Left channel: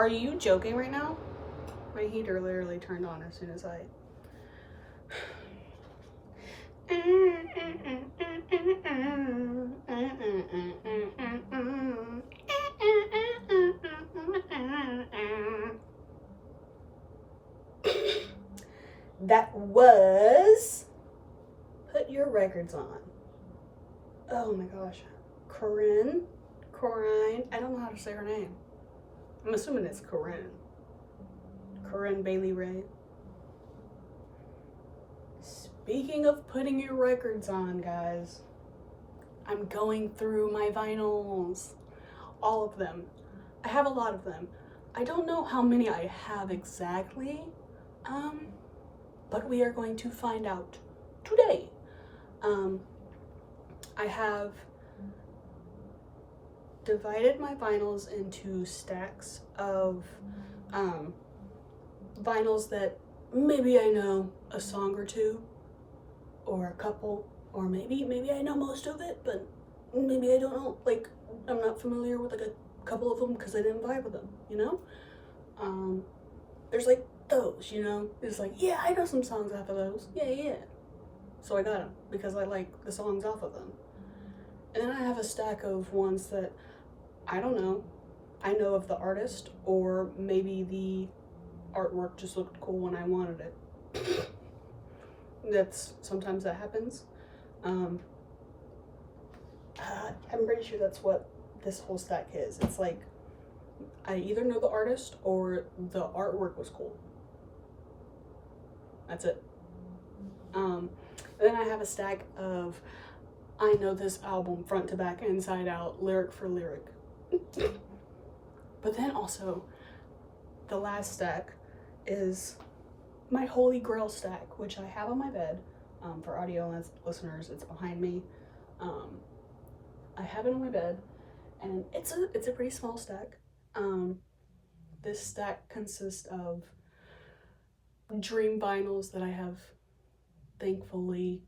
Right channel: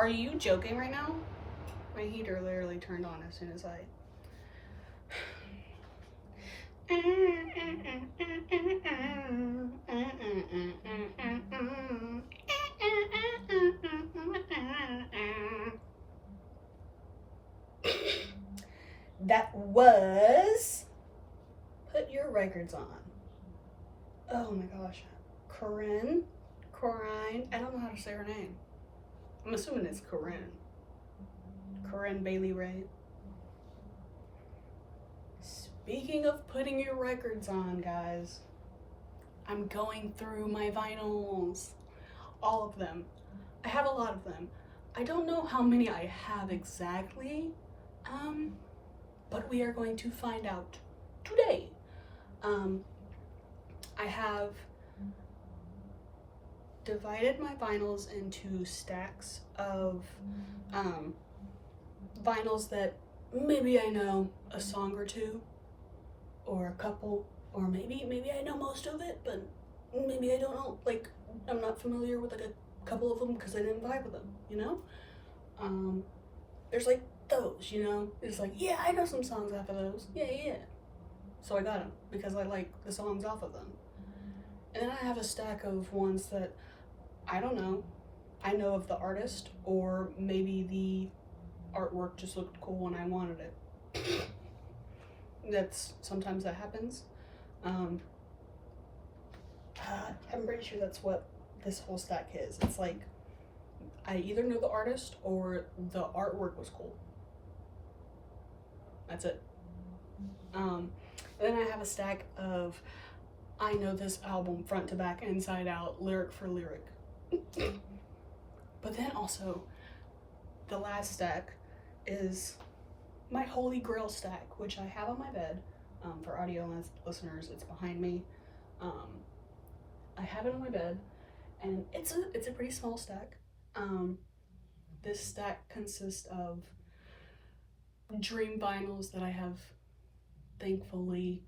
Are you joking right now? My heater literally turned on as soon as I... That was Put Your Records On. Oh my gosh. Corinne, I don't know how to say her name. I'm assuming it's Corinne Bailey Ray. Speaking of putting your records on, guys, I'm going through my vinyls. All of them. I have a lot of them. I don't know how many I have exactly, but we are going to find out today. I have divided my vinyls into stacks of vinyls that maybe I know a song or two, or a couple, or maybe I know most of it, but maybe I don't know. Like, I'm not familiar with like a couple of them because I didn't vibe with them, you know? There's like those, you know? It's like, yeah, I know some songs off of those. Yeah. So I got them because I like the songs off of them. And then I have a stack of ones that I don't know. I know of the artist, or maybe the artwork just looked cool when I wanted it. Sometimes that happens. I'm pretty sure that's what this whole stack is. It's like, I either know the artist or the artwork was cool. That's it. Then I have a stack of, I know this album front to back, inside out, lyric for lyric. But then also, the last stack is my Holy Grail stack, which I have on my bed. For audio listeners, it's behind me. I have it on my bed, and it's a pretty small stack. This stack consists of dream vinyls that I have thankfully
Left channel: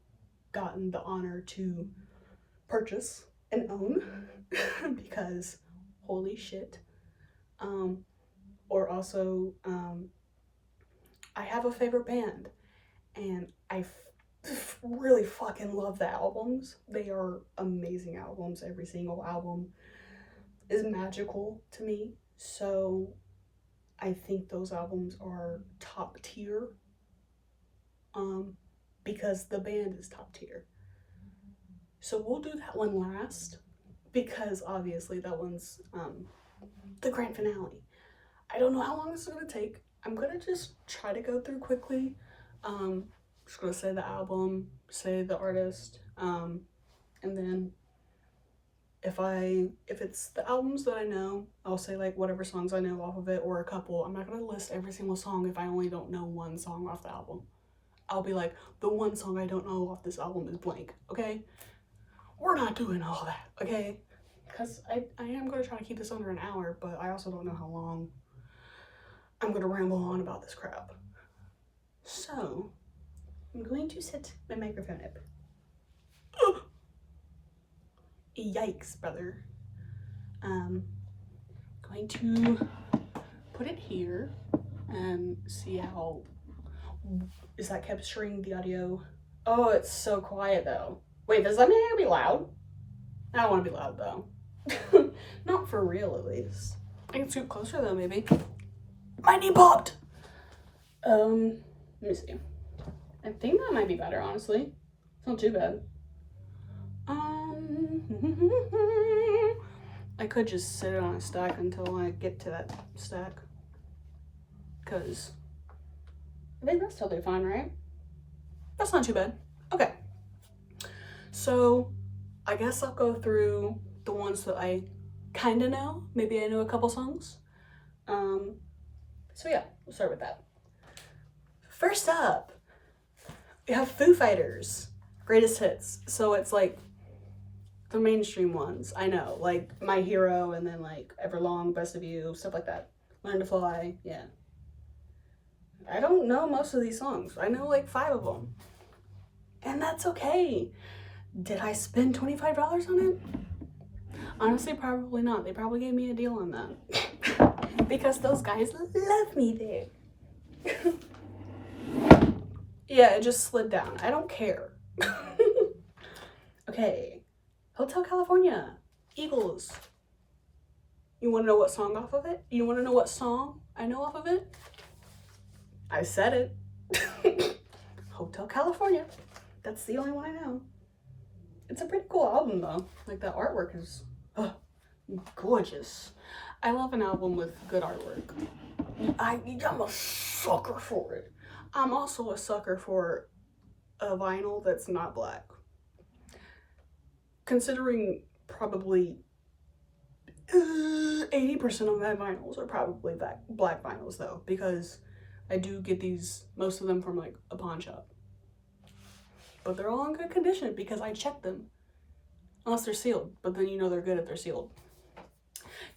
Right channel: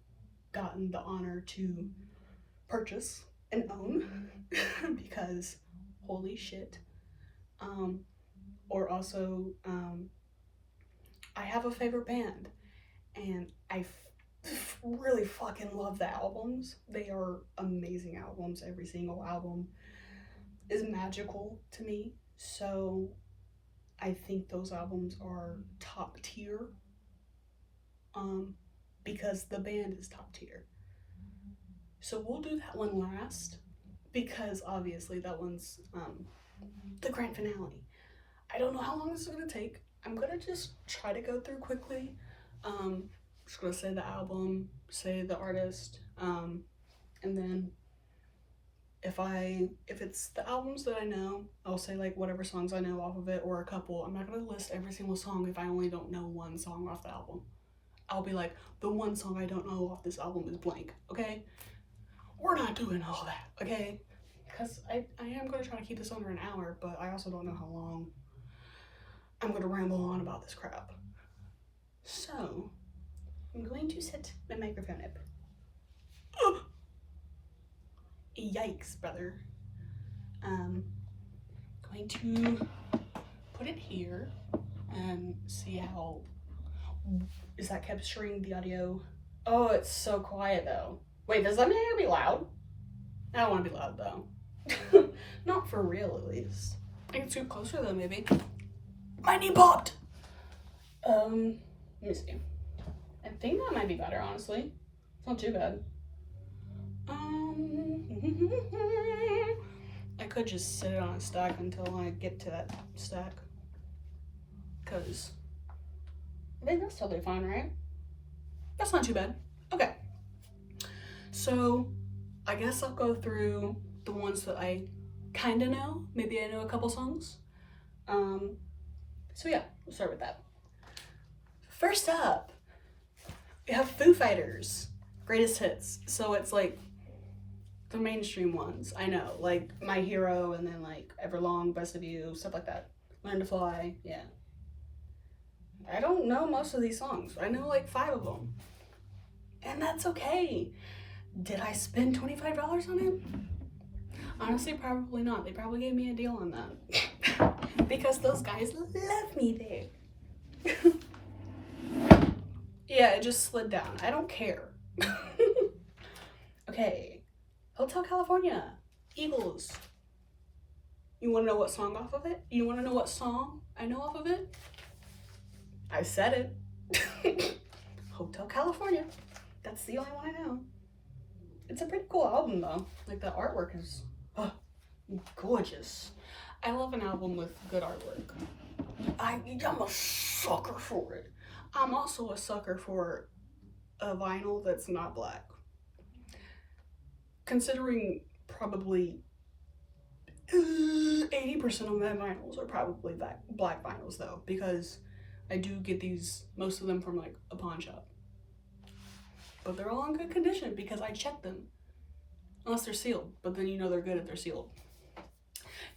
gotten the honor to purchase and own because holy shit. Or also, I have a favorite band, and I really fucking love the albums. They are amazing albums. Every single album is magical to me. So I think those albums are top tier, because the band is top tier. So we'll do that one last, because obviously that one's the grand finale. I don't know how long this is gonna take. I'm gonna just try to go through quickly. Just gonna say the album, say the artist, and then if it's the albums that I know, I'll say like whatever songs I know off of it, or a couple. I'm not gonna list every single song if I only don't know one song off the album. I'll be like, the one song I don't know off this album is blank, okay? We're not doing all that, okay? Because I am gonna try to keep this under an hour, but I also don't know how long I'm gonna ramble on about this crap. So, I'm going to set my microphone up. Yikes, brother. Going to put it here and see how, is that capturing the audio? Oh, it's so quiet though. Wait, does that mean I gotta be loud? I don't want to be loud though. Not for real, at least. I can scoot closer though, maybe. My knee popped! Let me see. I think that might be better, honestly. It's not too bad. I could just sit it on a stack until I get to that stack. Because I think that's totally fine, right? That's not too bad. Okay. So I guess I'll go through the ones that I kind of know. Maybe I know a couple songs. So yeah, we'll start with that. First up, we have Foo Fighters, Greatest Hits. So it's like the mainstream ones, I know, like My Hero, and then like Everlong, Best of You, stuff like that. Learn to Fly, yeah. I don't know most of these songs. I know like 5 of them. And that's okay. Did I spend $25 on it? Honestly, probably not. They probably gave me a deal on that. because those guys love me there. Yeah, it just slid down. I don't care. Okay. Hotel California. Eagles. You want to know what song off of it? You want to know what song I know off of it? I said it. Hotel California. That's the only one I know. It's a pretty cool album though. Like the artwork is gorgeous. I love an album with good artwork. I'm a sucker for it. I'm also a sucker for a vinyl that's not black. Considering probably 80% of my vinyls are probably black vinyls though, because I do get these, most of them from like a pawn shop. But they're all in good condition because I check them. Unless they're sealed, but then you know they're good if they're sealed.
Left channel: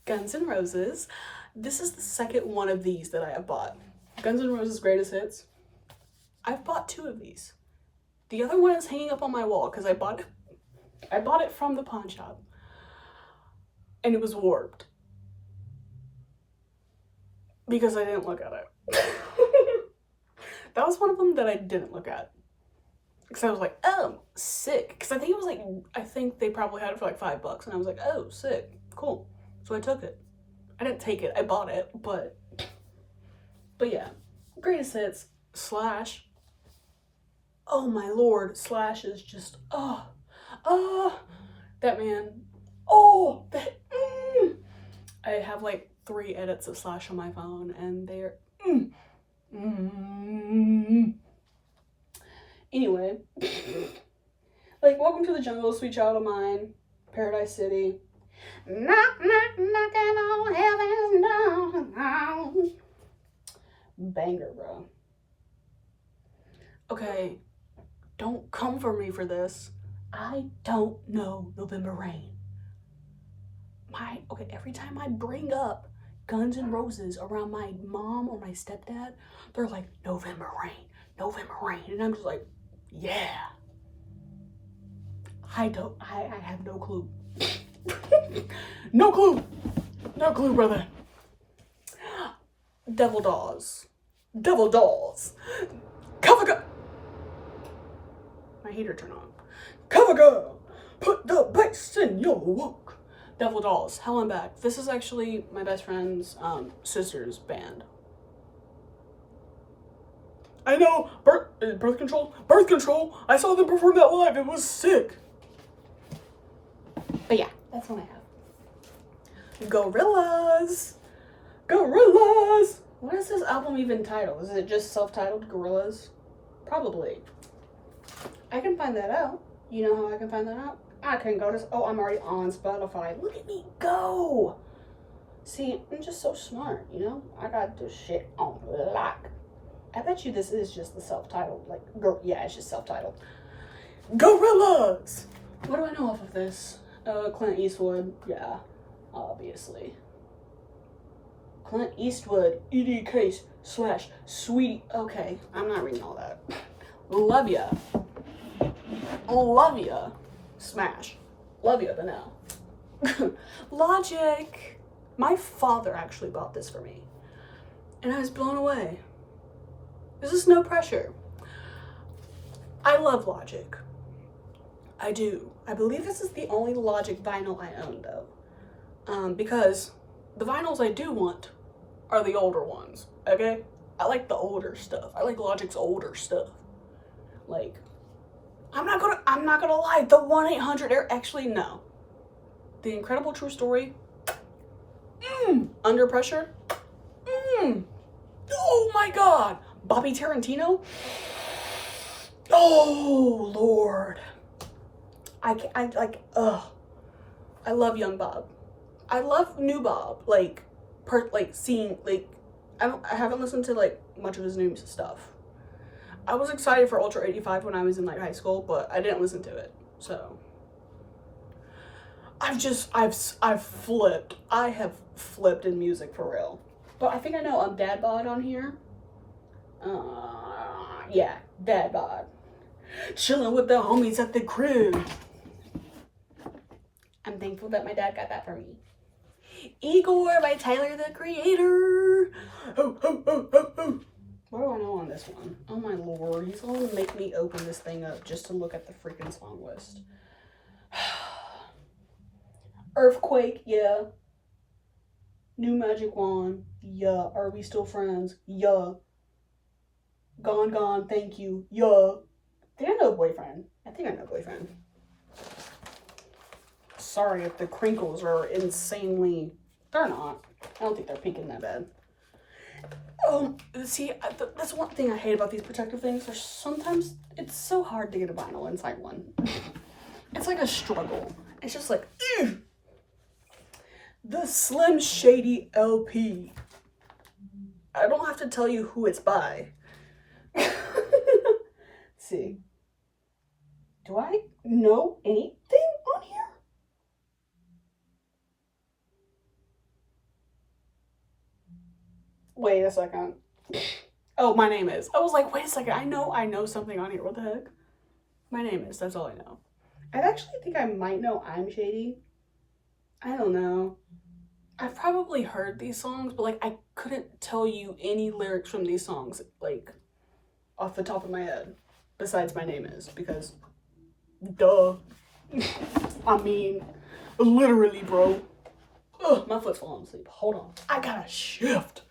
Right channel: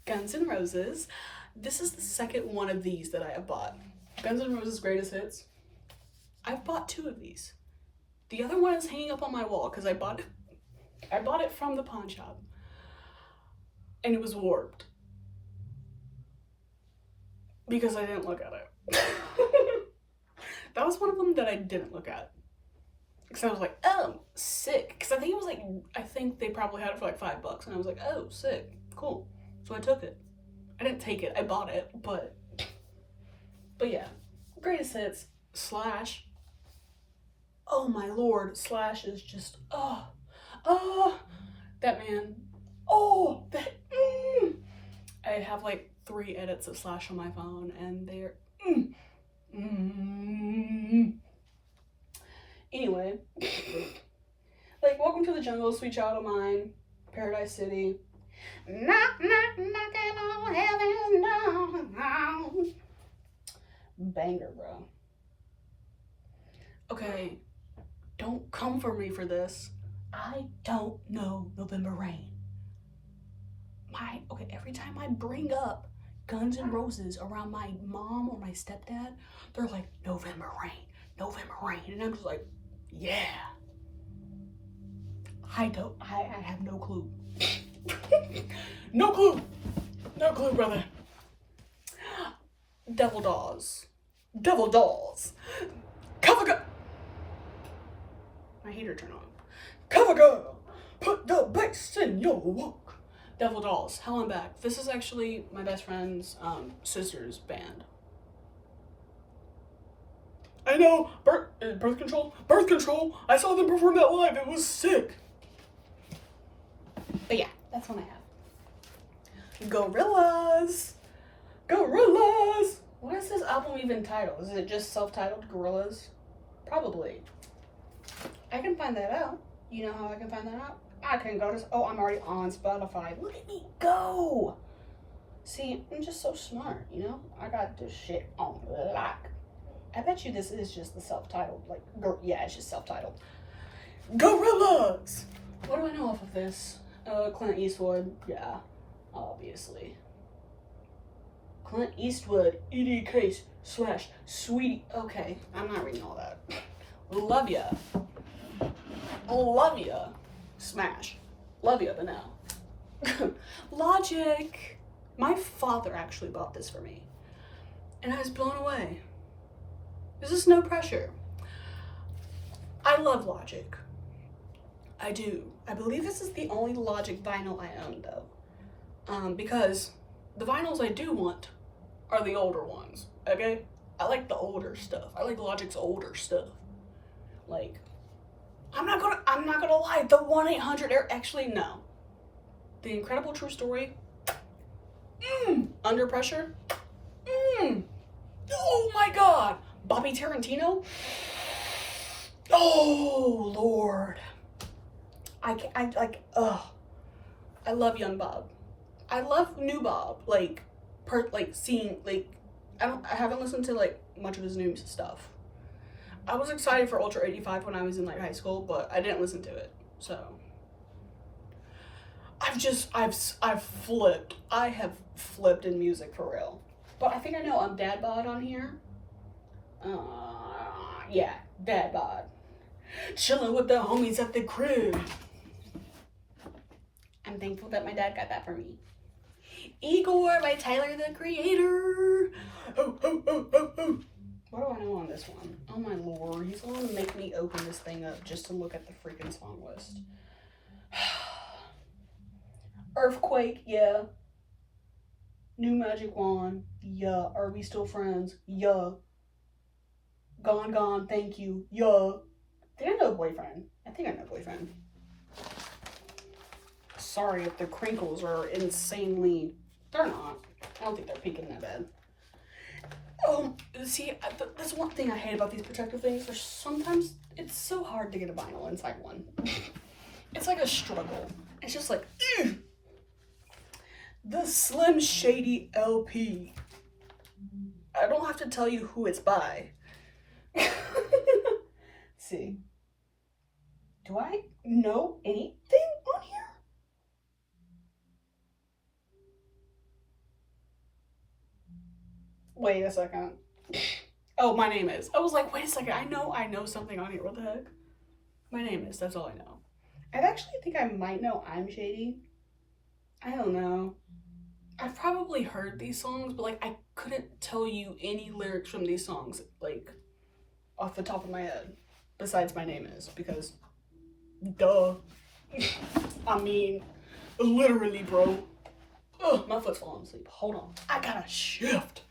Guns N' Roses. This is the second one of these that I have bought. Guns N' Roses Greatest Hits. I've bought 2 of these. The other one is hanging up on my wall because I bought it from the pawn shop. And it was warped. Because I didn't look at it. That was one of them that I didn't look at. Because I was like, oh, sick. Because I think it was like, I think they probably had it for like $5. And I was like, oh, sick. Cool. So I took it. I didn't take it. I bought it. But yeah. Greatest Hits. Slash. Oh my lord. Slash is just, that man. Oh, that. I have like 3 edits of Slash on my phone. And they're. Anyway, like, Welcome to the Jungle, Sweet Child of Mine, Paradise City. Knock, knock, knocking on heaven's door. Banger, bro. Okay, don't come for me for this. I don't know November Rain. Okay, every time I bring up Guns N' Roses around my mom or my stepdad, they're like, November Rain, November Rain. And I'm just like, yeah. I have no clue. No clue. No clue, brother. Devil Dolls. Devil Dolls. Cover girl. My heater turned on. Cover girl. Put the bass in your walk. Devil Dolls. Hell, I'm back. This is actually my best friend's sister's band. I know, birth control. I saw them perform that live. It was sick. But yeah, that's what I have. Gorillas. What is this album even titled? Is it just self-titled Gorillas? Probably. I can find that out. You know how I can find that out? I can go to, I'm already on Spotify. Look at me go. See, I'm just so smart, you know? I got this shit on lock. I bet you this is just the self-titled, like, yeah, it's just self-titled. Gorillas! What do I know off of this? Clint Eastwood, yeah, obviously. Clint Eastwood, EDK / Sweetie. Okay, I'm not reading all that. Love ya. Love ya. Smash. Love ya, but no. Logic. My father actually bought this for me. And I was blown away. This is no pressure. I love Logic. I do. I believe this is the only Logic vinyl I own though. Because the vinyls I do want are the older ones, okay? I like the older stuff. I like Logic's older stuff. Like, I'm not gonna lie, the 1-800, actually no. The Incredible True Story, Under Pressure, oh my god. Bobby Tarantino, oh Lord. I love Young Bob. I love New Bob. Like seeing, like, I haven't listened to like much of his new stuff. I was excited for Ultra 85 when I was in like high school, but I didn't listen to it. So I've flipped. I have flipped in music for real. But I think I know Dad Bod on here. Yeah, Dad Bod. Chilling with the homies at the crib. I'm thankful that my dad got that for me. Igor by Tyler, the Creator. Oh, oh, oh, oh, oh. What do I know on this one? Oh my lord, he's gonna make me open this thing up just to look at the freaking song list. Earthquake, yeah. New Magic Wand, yeah. Are We Still Friends, yeah. Gone, Gone, Thank You, yeah. Did I know Boyfriend? I think I know Boyfriend. Sorry if the crinkles are insanely... They're not. I don't think they're peaking that bad. See, that's one thing I hate about these protective things. There's sometimes... It's so hard to get a vinyl inside one. It's like a struggle. It's just like... Ugh! The Slim Shady LP. I don't have to tell you who it's by. See. Do I know anything on here? Wait a second. Oh, My Name Is. I was like, wait a second. I know something on here. What the heck? My Name Is. That's all I know. I actually think I might know I'm Shady. I don't know. I've probably heard these songs, but like I couldn't tell you any lyrics from these songs, like off the top of my head, besides My Name Is, because duh. I mean, literally, bro. Ugh, my foot's falling asleep. Hold on. I gotta shift.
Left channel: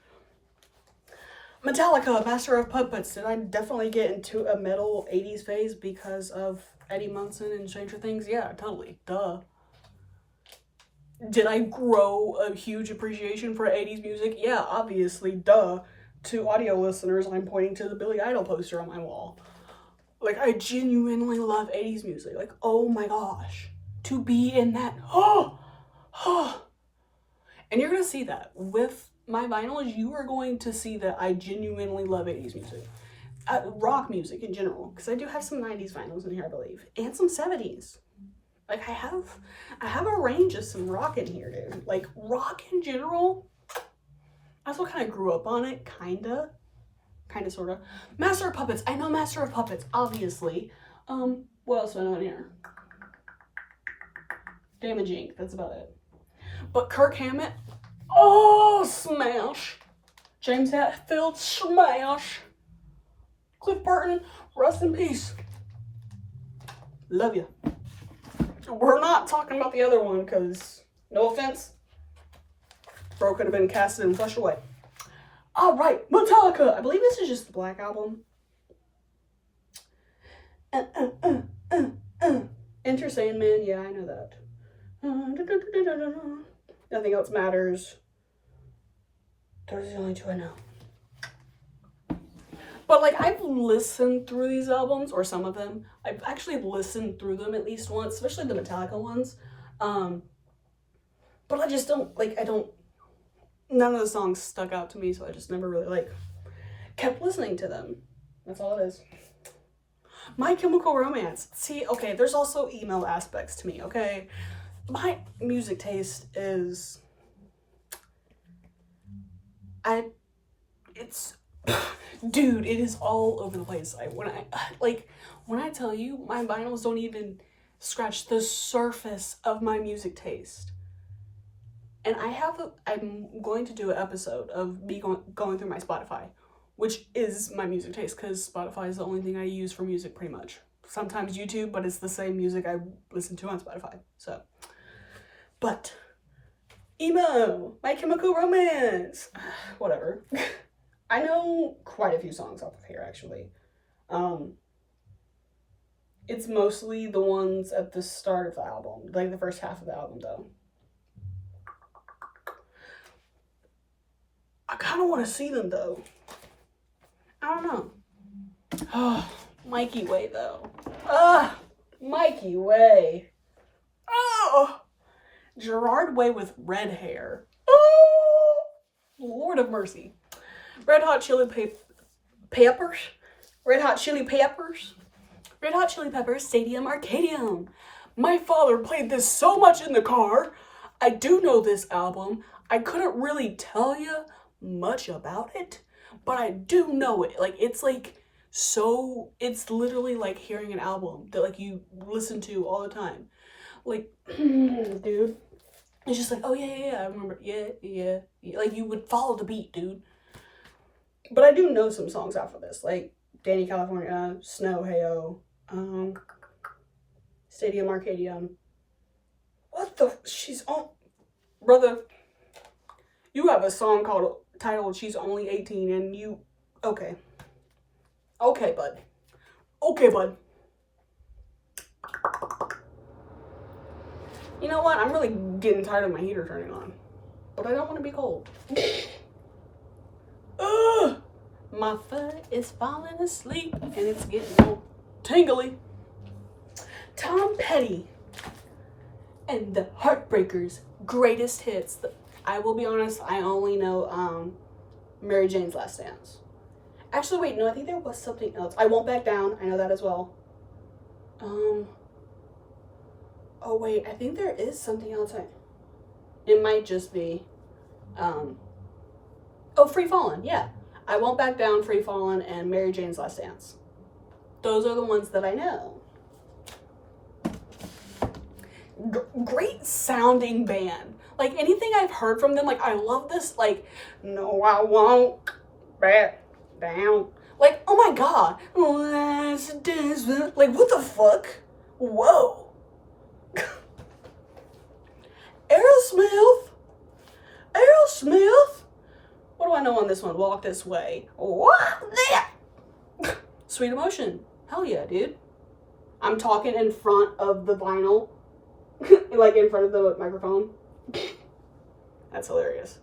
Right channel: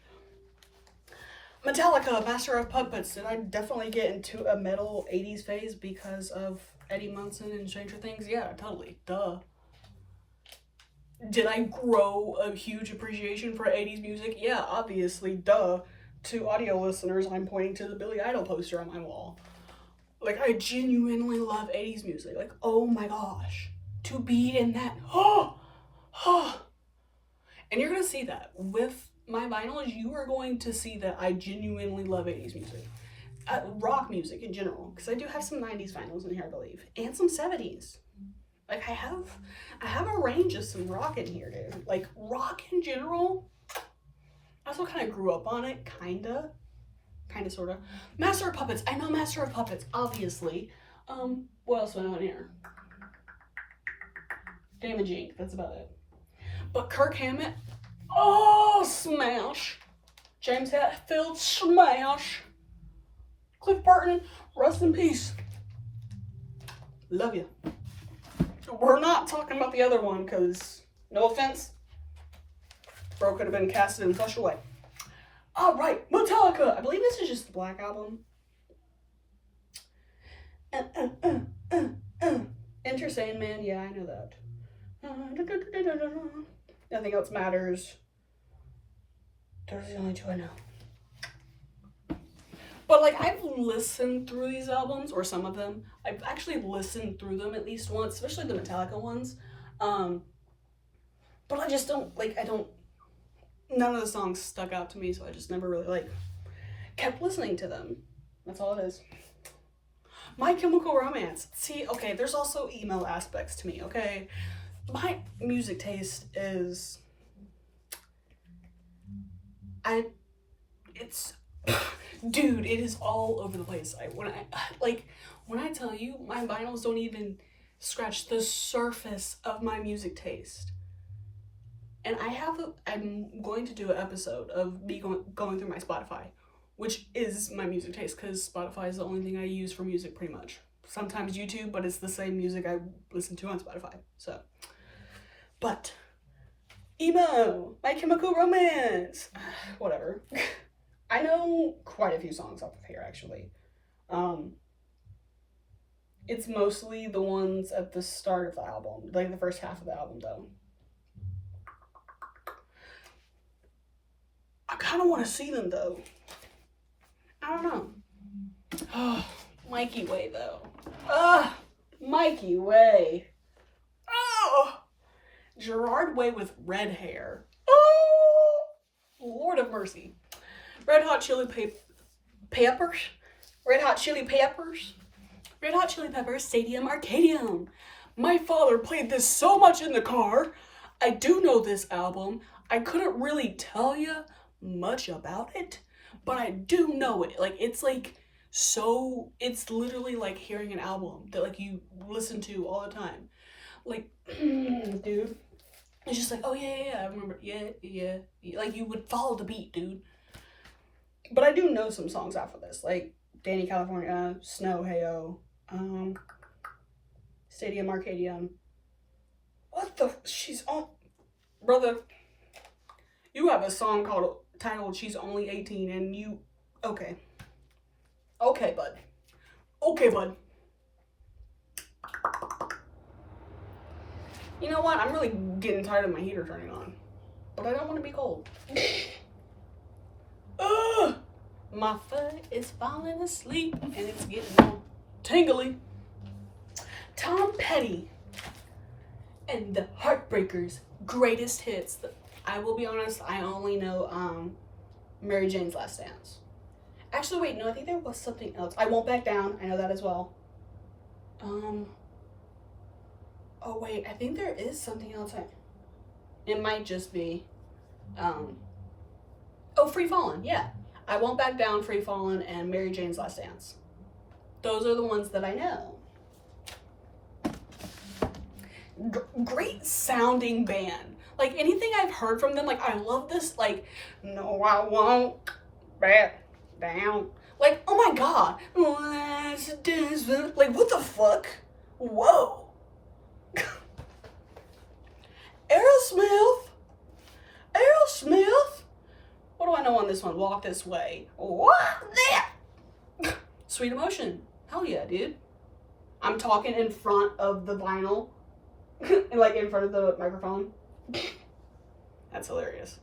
Metallica, Master of Puppets. Did I definitely get into a metal 80s phase because of Eddie Munson and Stranger Things? Yeah, totally. Duh. Did I grow a huge appreciation for 80s music? Yeah, obviously. Duh. To audio listeners, I'm pointing to the Billy Idol poster on my wall. Like, I genuinely love 80s music. Like, oh my gosh. To be in that. Oh! Oh! And you're going to see that. With my vinyls, you are going to see that I genuinely love 80s music. Rock music in general. Because I do have some 90s vinyls in here, I believe. And some 70s. Like, I have a range of some rock in here, dude. Like, rock in general, I also kind of grew up on it, kind of, sort of. Master of Puppets. I know Master of Puppets, obviously. What else do I know in here? Damage Inc. That's about it. But Kirk Hammett, oh, smash. James Hetfield, smash. Cliff Burton, rest in peace. Love you. We're not talking about the other one, because, no offense, bro could have been casted and flushed away. Alright, Metallica! I believe this is just the Black Album. Enter Sandman, yeah, I know that. Nothing else matters. Those are the only two I know. But, like, I've listened through these albums, or some of them. I've actually listened through them at least once, especially the Metallica ones. But I just don't, like, none of the songs stuck out to me, so I just never really, like, kept listening to them. That's all it is. My Chemical Romance. See, okay, there's also email aspects to me, okay? My music taste is... Dude, it is all over the place. When I tell you, my vinyls don't even scratch the surface of my music taste. And I'm going to do an episode of me going through my Spotify, which is my music taste, because Spotify is the only thing I use for music pretty much. Sometimes YouTube, but it's the same music I listen to on Spotify, so. But, emo, My Chemical Romance, whatever. I know quite a few songs off of here, actually. It's mostly the ones at the start of the album, like the first half of the album, though. I kind of want to see them, though. I don't know. Oh, Mikey Way, though. Mikey Way. Oh, Gerard Way with red hair. Oh, Lord of mercy. Red Hot Chili Peppers. Red Hot Chili Peppers Stadium Arcadium. My father played this so much in the car. I do know this album. I couldn't really tell you much about it, but I do know it. Like, it's literally like hearing an album that like you listen to all the time. Like, dude, It's just like, oh yeah, I remember, yeah. Like, you would follow the beat, dude. But I do know some songs off of this, like Danny California, Snow, Heyo, Stadium Arcadium. What the? She's on, brother. You have a song titled "She's Only 18," and you, okay, bud. Okay, bud. You know what? I'm really getting tired of my heater turning on, but I don't want to be cold. My foot is falling asleep and it's getting all tingly. Tom Petty and the Heartbreakers' greatest hits. I will be honest, I only know Mary Jane's Last Dance. Actually, wait, no, I think there was something else. I Won't Back Down. I know that as well. Oh wait, I think there is something else. It might just be, Free Fallin'. Yeah, I Won't Back Down, Free Fallin', and Mary Jane's Last Dance. Those are the ones that I know. Great sounding band. Like, anything I've heard from them, like, I love this, like, no, I won't back down. Like, oh my god. Like, what the fuck? Whoa. Aerosmith. What do I know on this one? Walk This Way. What? Sweet Emotion. Hell yeah, dude. I'm talking in front of the vinyl. Like, in front of the microphone. That's hilarious.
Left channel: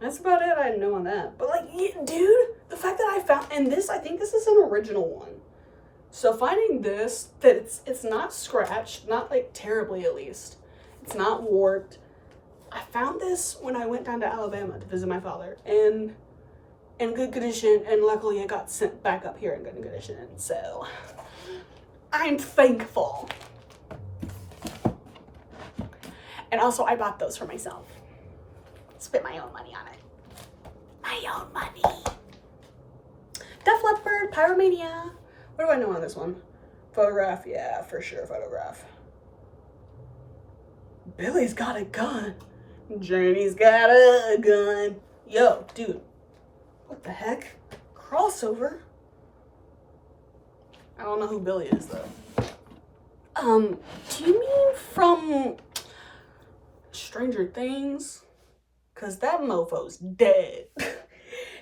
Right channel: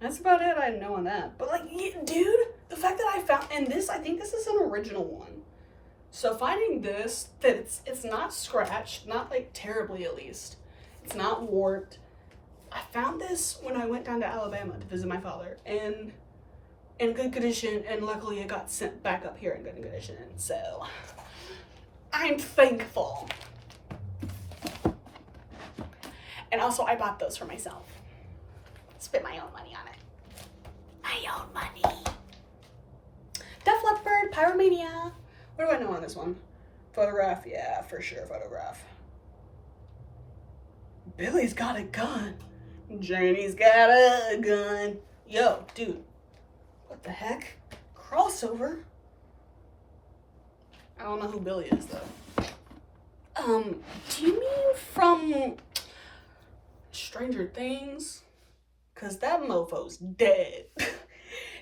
That's about it I know on that. But, like, dude, the fact that I found, and this, I think this is an original one. So finding this, that it's not scratched, not, like, terribly at least. It's not warped. I found this when I went down to Alabama to visit my father, and in good condition, and luckily it got sent back up here in good condition, so I'm thankful. And also, I bought those for myself. Spent my own money on it. My own money. Def Leppard, Pyromania. What do I know on this one? Photograph, yeah, for sure, Photograph. Billy's Got a Gun. Journey's Got a Gun. Yo, dude. What the heck? Crossover? I don't know who Billy is, though. Do you mean from Stranger Things? Cause that mofo's dead.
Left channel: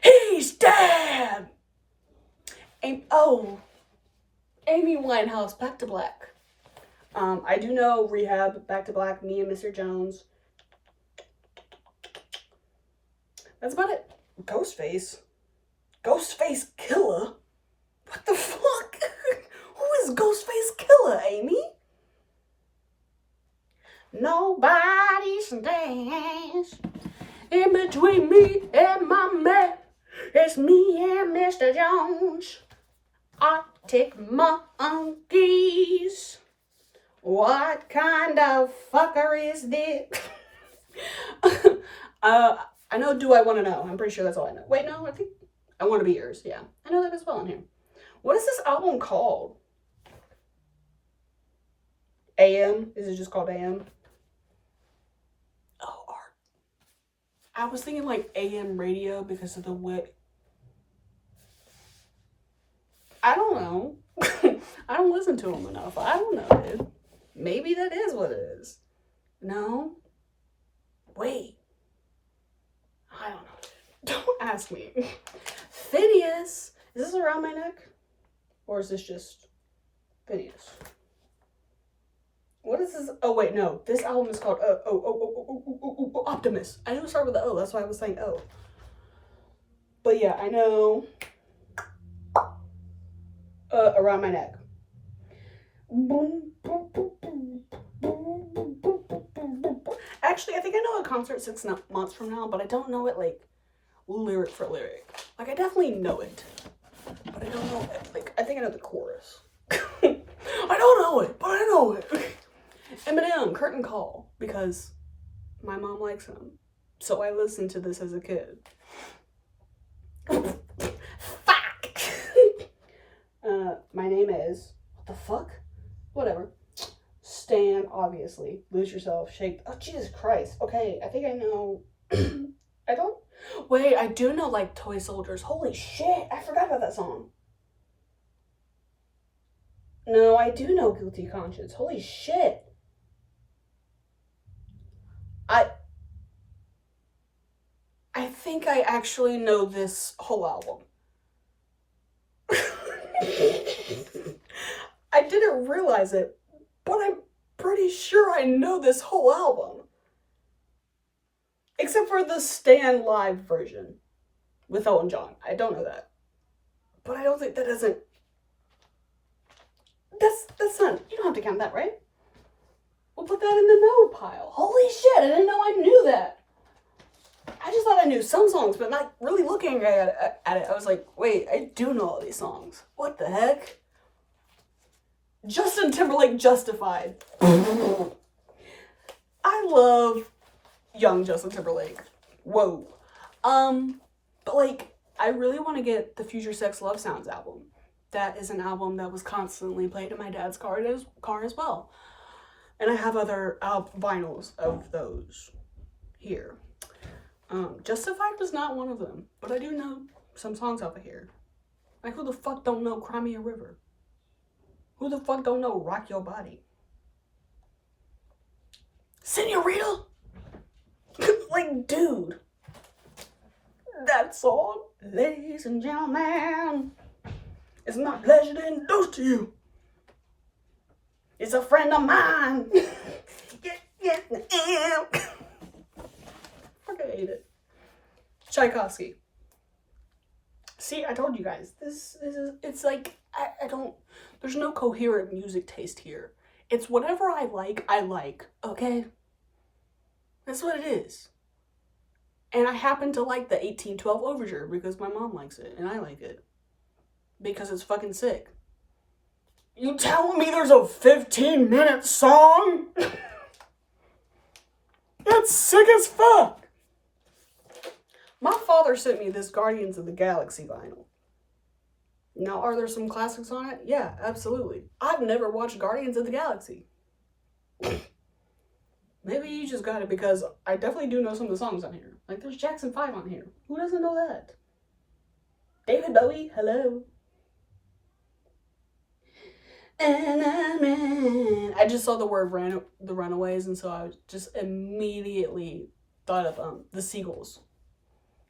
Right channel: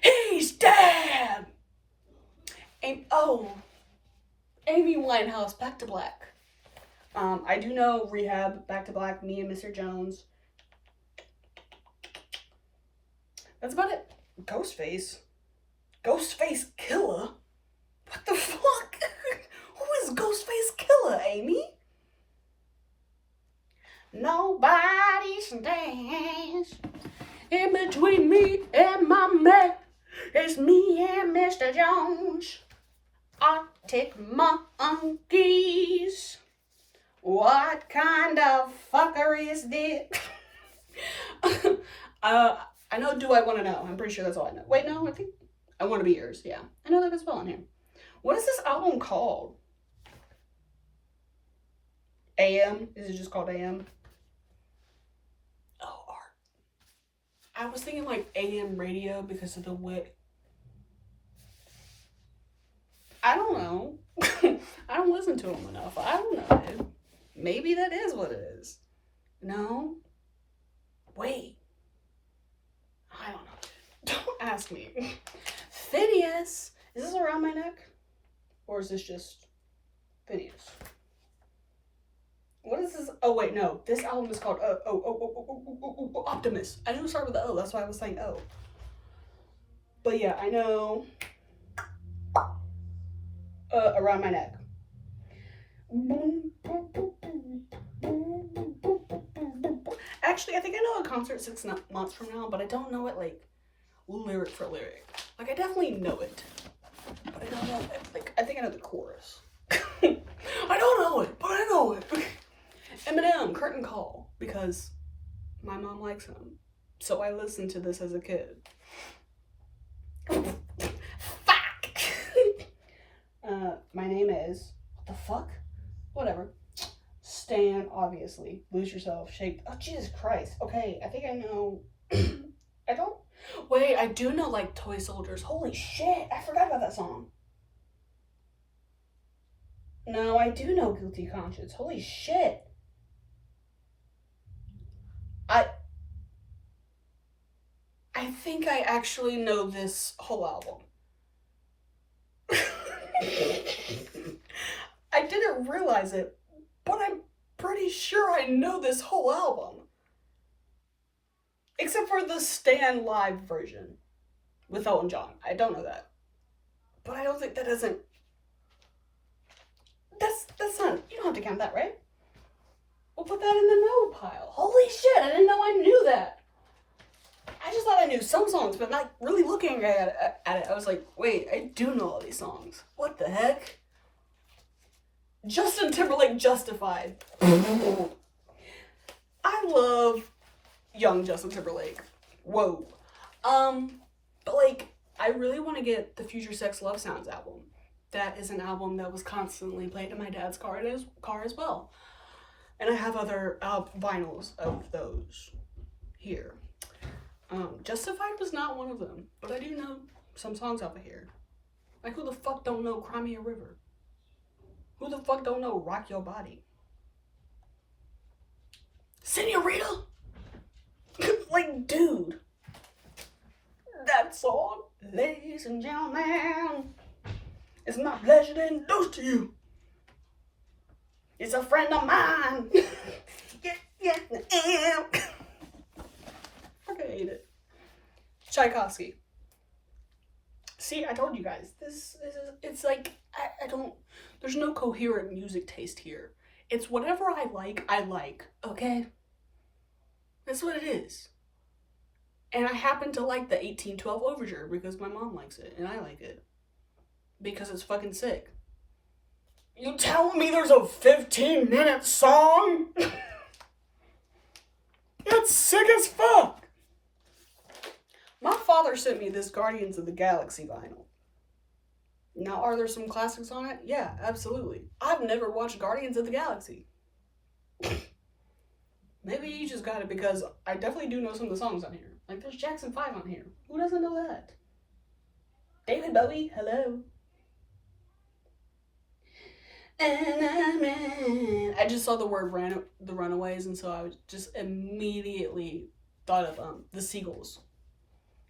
He's dead! Amy Winehouse, Back to Black. I do know Rehab, Back to Black, Me and Mr. Jones. That's about it. Ghostface Killer? What the fuck? Who is Ghostface Killer, Amy? Nobody stands in between me and my man. It's me and Mr. Jones. Arctic monkeys. What kind of fucker is this? I know Do I Want to Know. I'm pretty sure that's all I know. Wait, no, I think I Want to Be Yours. Yeah, I know that as well on here. What is this album called? AM? Is it just called AM? Oh, art. I was thinking like AM radio because of the wit. I don't know. I don't listen to them enough. I don't know, dude. Maybe that is what it is. No? Wait. I don't know, dude. Don't ask me. Phineas. Is this Around My Neck? Or is this just Phineas? What is this? Oh, wait, no. This album is called Optimus. I knew it started with the O. That's why I was saying O. But yeah, I know Around My Neck. Actually, I think I know a concert 6 months from now, but I don't know it like lyric for lyric. Like, I definitely know it, but I don't know it. Like, I think I know the chorus. I don't know it, but I know it. Eminem, Curtain Call, because my mom likes him, so I listened to this as a kid. Fuck. My name is, what the fuck? Whatever. Stan, obviously. Lose Yourself, Shake. Oh, Jesus Christ. Okay, I think I know. I don't. Wait, I do know, like, Toy Soldiers. Holy shit, I forgot about that song. No, I do know Guilty Conscience. Holy shit. I think I actually know this whole album. I didn't realize it, but I'm pretty sure I know this whole album. Except for the Stan live version with Elton John. I don't know that. But I don't think that doesn't... That's not... You don't have to count that, right? We'll put that in the no pile. Holy shit, I didn't know I knew that. I just thought I knew some songs, but not really looking at it. I was like, wait, I do know all these songs. What the heck? Justin Timberlake, Justified. I love young Justin Timberlake. Whoa. But like, I really want to get the Future Sex Love Sounds album. That is an album that was constantly played in my dad's car as well. And I have other vinyls of those here. Justified was not one of them, but I do know some songs off of here. Like, who the fuck don't know Cry Me a River? Who the fuck don't know Rock Your Body? Senorita? Like, dude. That song, ladies and gentlemen, it's my pleasure to introduce to you. It's a friend of mine. Yeah. Fucking hate it. Tchaikovsky. See, I told you guys. This is, it's like, I don't, there's no coherent music taste here. It's whatever I like, okay? That's what it is. And I happen to like the 1812 Overture because my mom likes it, and I like it. Because it's fucking sick. You telling me there's a 15-minute song? That's sick as fuck. My father sent me this Guardians of the Galaxy vinyl. Now, are there some classics on it? Yeah, absolutely. I've never watched Guardians of the Galaxy. Maybe you just got it because I definitely do know some of the songs on here. Like, there's Jackson 5 on here. Who doesn't know that? David Bowie, hello. And I just saw the word the Runaways, and so I just immediately thought of the Seagulls.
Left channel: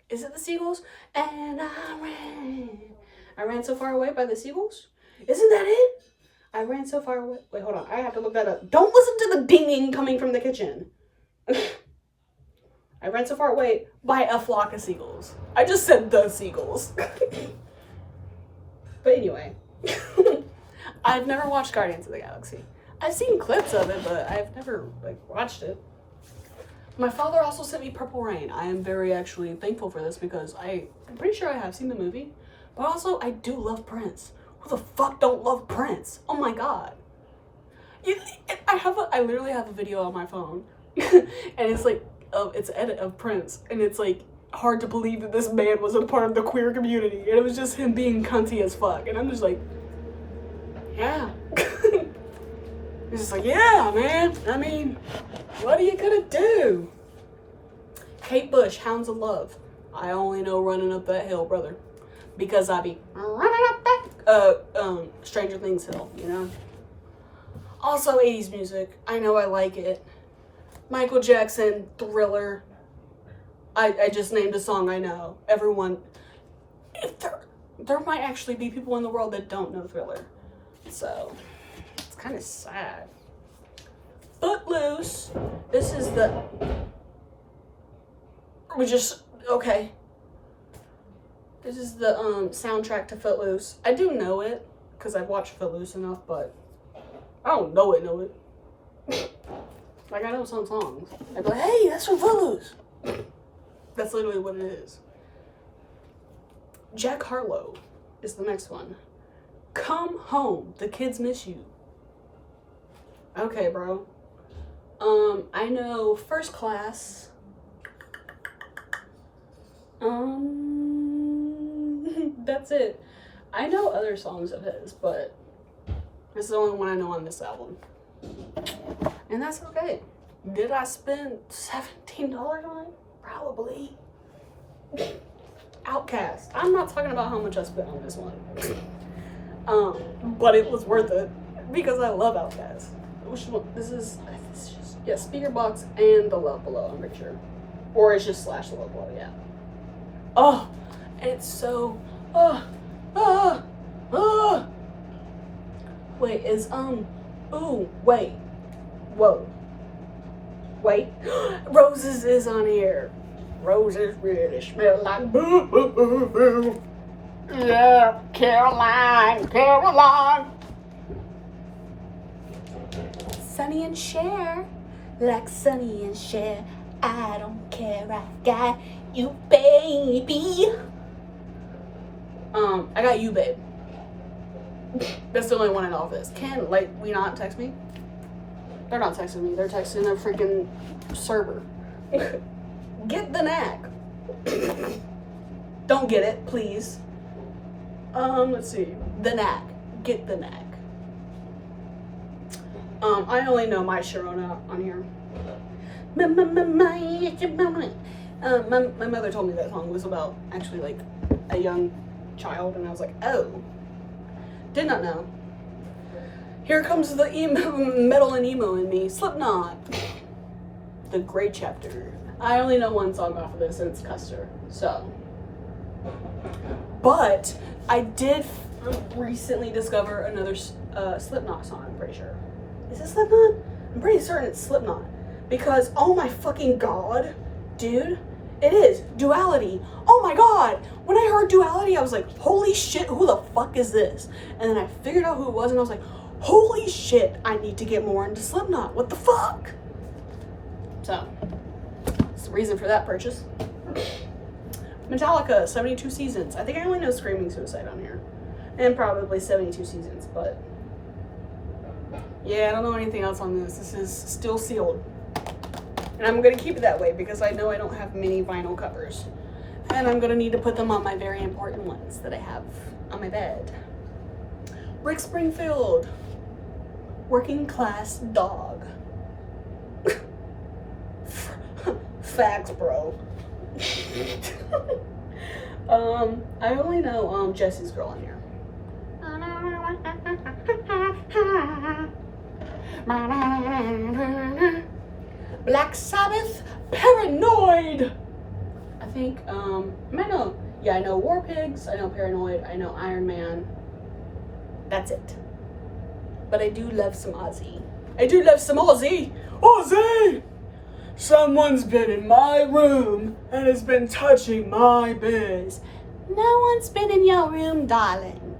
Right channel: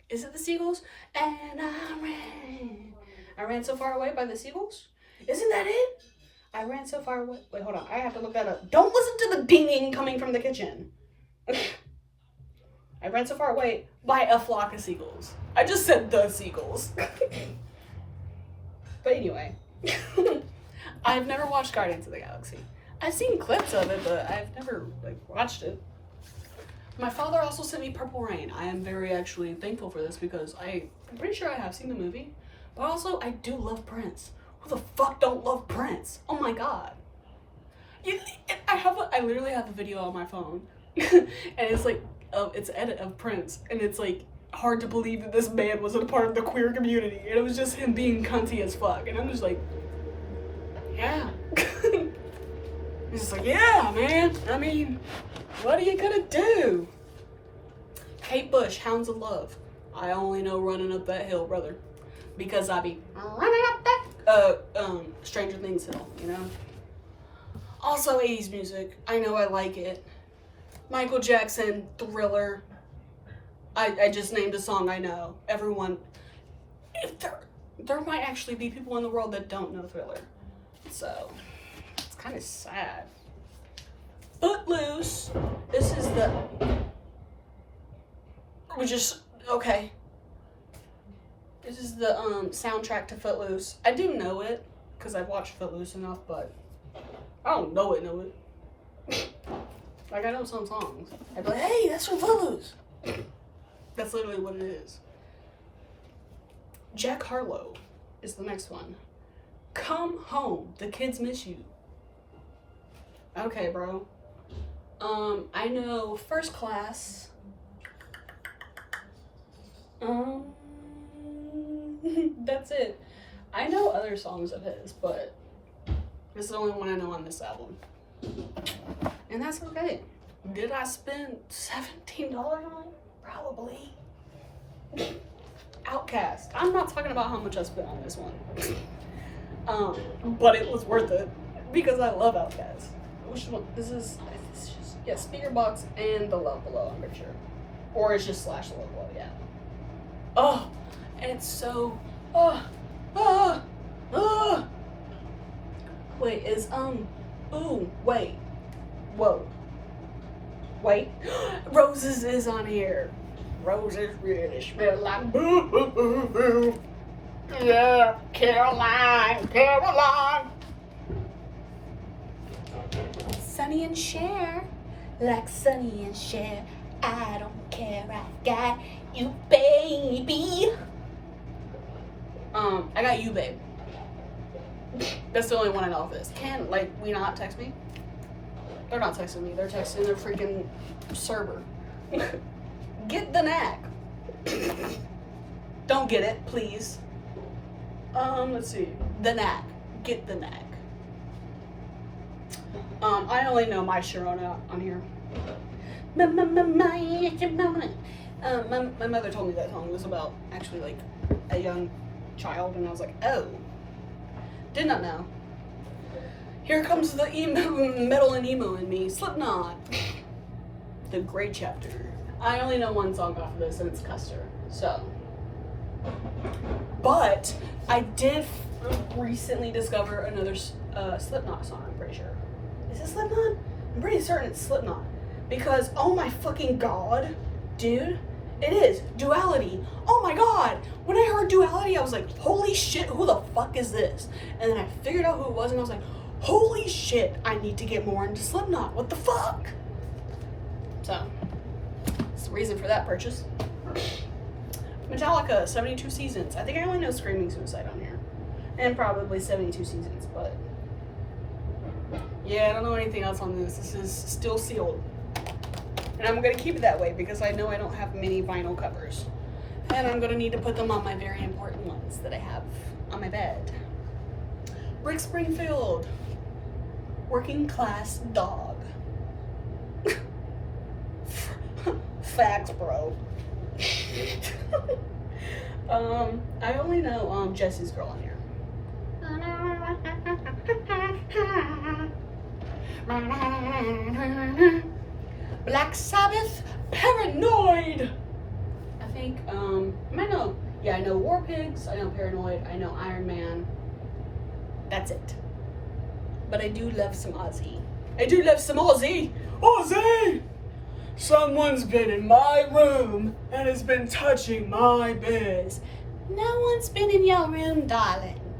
Is it the Seagulls? And I ran so far away by the Seagulls? Isn't that it? I ran so far away. Wait, hold on. I have to look that up. Don't listen to the dinging coming from the kitchen. I ran so far away by a flock of seagulls. I just said the seagulls. But anyway. I've never watched Guardians of the Galaxy. I've seen clips of it, but I've never, like, watched it. My father also sent me Purple Rain. I am very actually thankful for this because I'm pretty sure I have seen the movie. But also, I do love Prince. Who the fuck don't love Prince? Oh my god. I literally have a video on my phone. And it's like, it's an edit of Prince. And it's like, hard to believe that this man was a part of the queer community. And it was just him being cunty as fuck. And I'm just like, yeah. He's just like, yeah, man. I mean, what are you gonna do? Kate Bush, Hounds of Love. I only know Running Up That Hill, brother. Because I be running up that, Stranger Things hill, you know? Also 80s music. I know I like it. Michael Jackson, Thriller. I just named a song I know. Everyone, if there might actually be people in the world that don't know Thriller. So, it's kind of sad. Footloose. This is the... Okay. This is the soundtrack to Footloose. I do know it, because I've watched Footloose enough, but I don't know it. Like, I know some songs. I'd be like, hey, that's from Footloose. That's literally what it is. Jack Harlow is the next one. Come Home, The Kids Miss You. Okay, bro. I know First Class. That's it. I know other songs of his, but this is the only one I know on this album. And that's okay. Did I spend $17 on it? Probably. Outcast. I'm not talking about how much I spent on this one. But it was worth it because I love Outcast. Which one? This is just, yeah, Speaker Box and The Love Below, I'm pretty sure. Or it's just / The Love Below, yeah. Oh, and it's so, wait, is, ooh, wait, whoa, wait, Roses is on here. Roses really smell like boo. Yeah, Caroline. Sonny and Cher, like Sonny and Cher. I don't care, I got you, baby. I got you, babe. That's the only one I know of this. Can, like, we not text me? They're not texting me. They're texting their freaking server. Get the knack. Don't get it, please. Let's see. The knack. Get the knack. I only know My Sharona on here. My mother told me that song was about actually like a young child, and I was like, oh, did not know. Here comes the metal and emo in me. Slipknot. The Great Chapter. I only know one song off of this, and it's Custer. So, but I did recently discover another Slipknot song. I'm pretty sure. Is it Slipknot? I'm pretty certain it's Slipknot. Because, oh my fucking god, dude, it is Duality. Oh my god, when I heard Duality, I was like, holy shit, who the fuck is this? And then I figured out who it was, and I was like, holy shit, I need to get more into Slipknot. What the fuck? So, that's the reason for that purchase. Metallica, 72 Seasons. I think I only know Screaming Suicide on here. And probably 72 Seasons, but yeah, I don't know anything else on this. This is still sealed. And I'm going to keep it that way because I know I don't have many vinyl covers. And I'm going to need to put them on my very important ones that I have on my bed. Rick Springfield. Working Class Dog. Facts, bro. I only know Jesse's Girl on here. Black Sabbath, Paranoid. I think, I might know. Yeah, I know War Pigs, I know Paranoid, I know Iron Man. That's it. But I do love some Ozzy. Ozzy! Someone's been in my room and has been touching my biz. No one's been in your room, darling.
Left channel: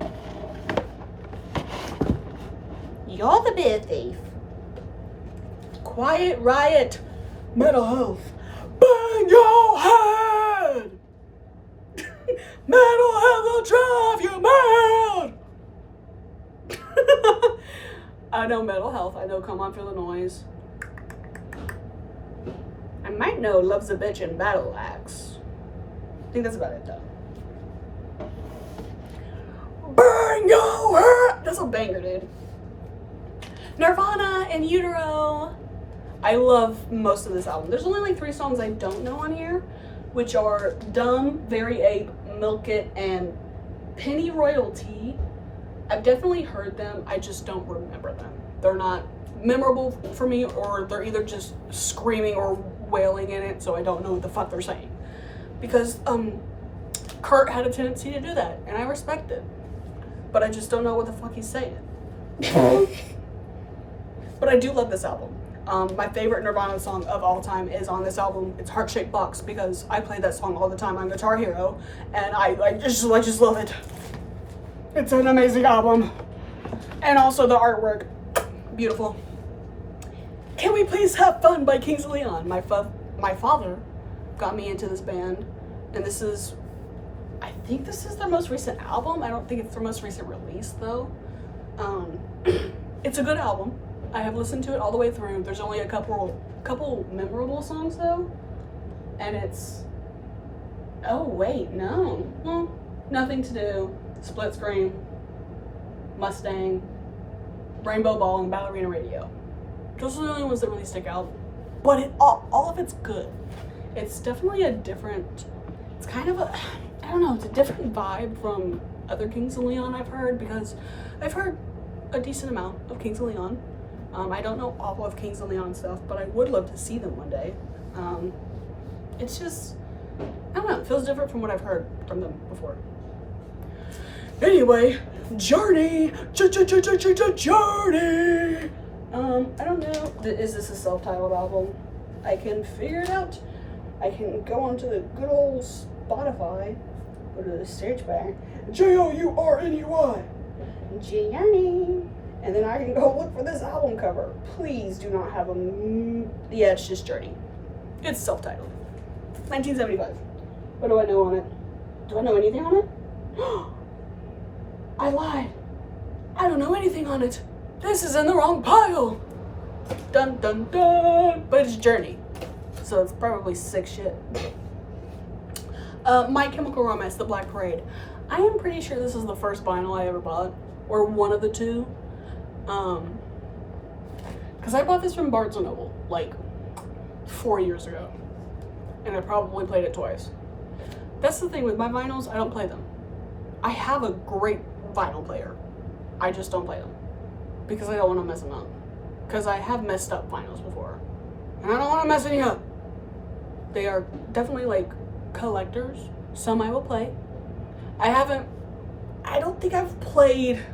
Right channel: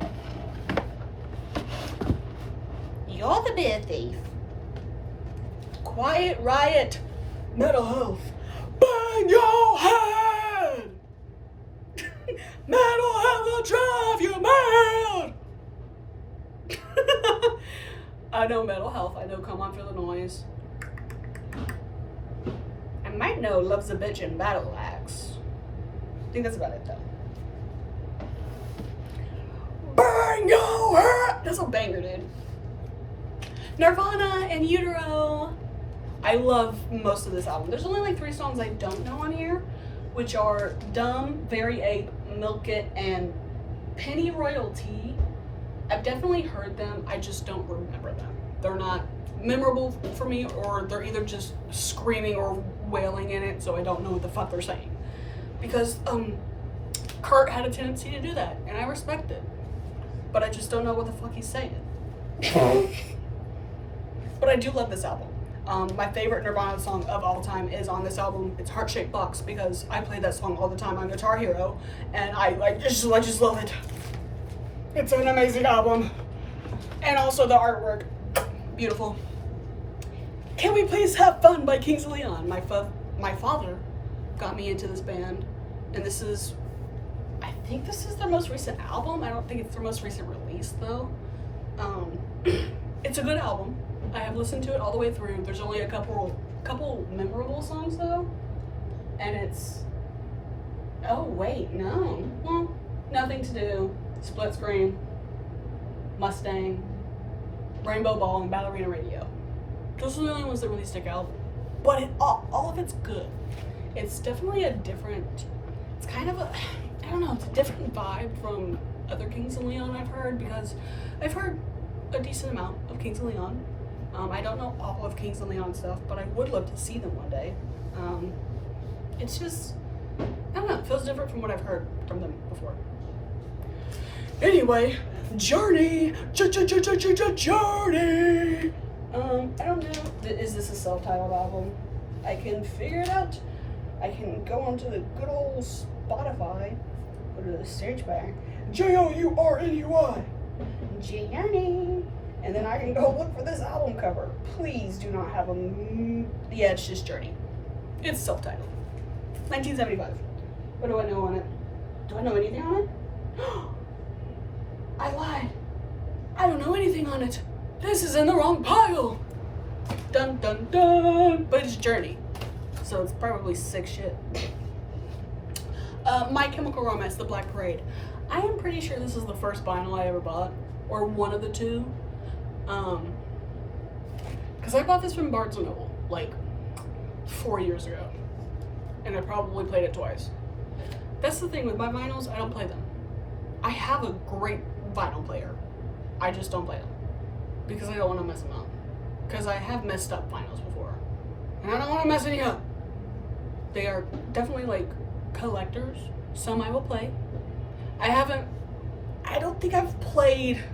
You're the beer thief. Quiet Riot, Mental Health. Bang your head! Mental Health will drive you mad! I know Mental Health. I know Come On Feel the Noise. I might know Love's a Bitch and Battle Axe. I think that's about it though. Bang your head! That's a banger, dude. Nirvana and Utero. I love most of this album. There's only like 3 songs I don't know on here, which are Dumb, Very Ape, Milk It, and Penny Royalty. I've definitely heard them, I just don't remember them. They're not memorable for me, or they're either just screaming or wailing in it, so I don't know what the fuck they're saying. Because Kurt had a tendency to do that, and I respect it. But I just don't know what the fuck he's saying. But I do love this album. My favorite Nirvana song of all time is on this album. It's Heart Shaped Box, because I play that song all the time on Guitar Hero, and I just love it. It's an amazing album. And also the artwork, beautiful. Can We Please Have Fun by Kings of Leon. My father got me into this band, and this is, I think this is their most recent album. I don't think it's their most recent release though. It's a good album. I have listened to it all the way through. There's only a couple memorable songs though, and it's, oh wait, no, well, Nothing to Do, Split Screen, Mustang, Rainbow Ball, and Ballerina Radio. Those are the only ones that really stick out. But all of it's good. It's definitely a different, it's kind of a, I don't know, it's a different vibe from other Kings of Leon I've heard, because I've heard a decent amount of Kings of Leon. I don't know all of Kings of Leon stuff, but I would love to see them one day. It's just, I don't know, it feels different from what I've heard from them before. Anyway, Journey! Journey! I don't know, is this a self-titled album? I can figure it out. I can go onto the good old Spotify, go to the search bar, Journey, Journey, and then I can go look for this album cover. Please do not have a, yeah, it's just Journey. It's self-titled. 1975. What do I know on it? Do I know anything on it? I lied. I don't know anything on it. This is in the wrong pile. Dun dun dun. But it's Journey, so it's probably sick shit. My Chemical Romance, The Black Parade. I am pretty sure this is the first vinyl I ever bought, or one of the two. Because I bought this from Barnes & Noble like 4 years ago, and I probably played it twice. That's the thing with my vinyls, I don't play them. I have a great vinyl player. I just don't play them because I don't want to mess them up. Because I have messed up vinyls before, and I don't want to mess any up. They are definitely like collectors. Some I will play. I don't think I've played,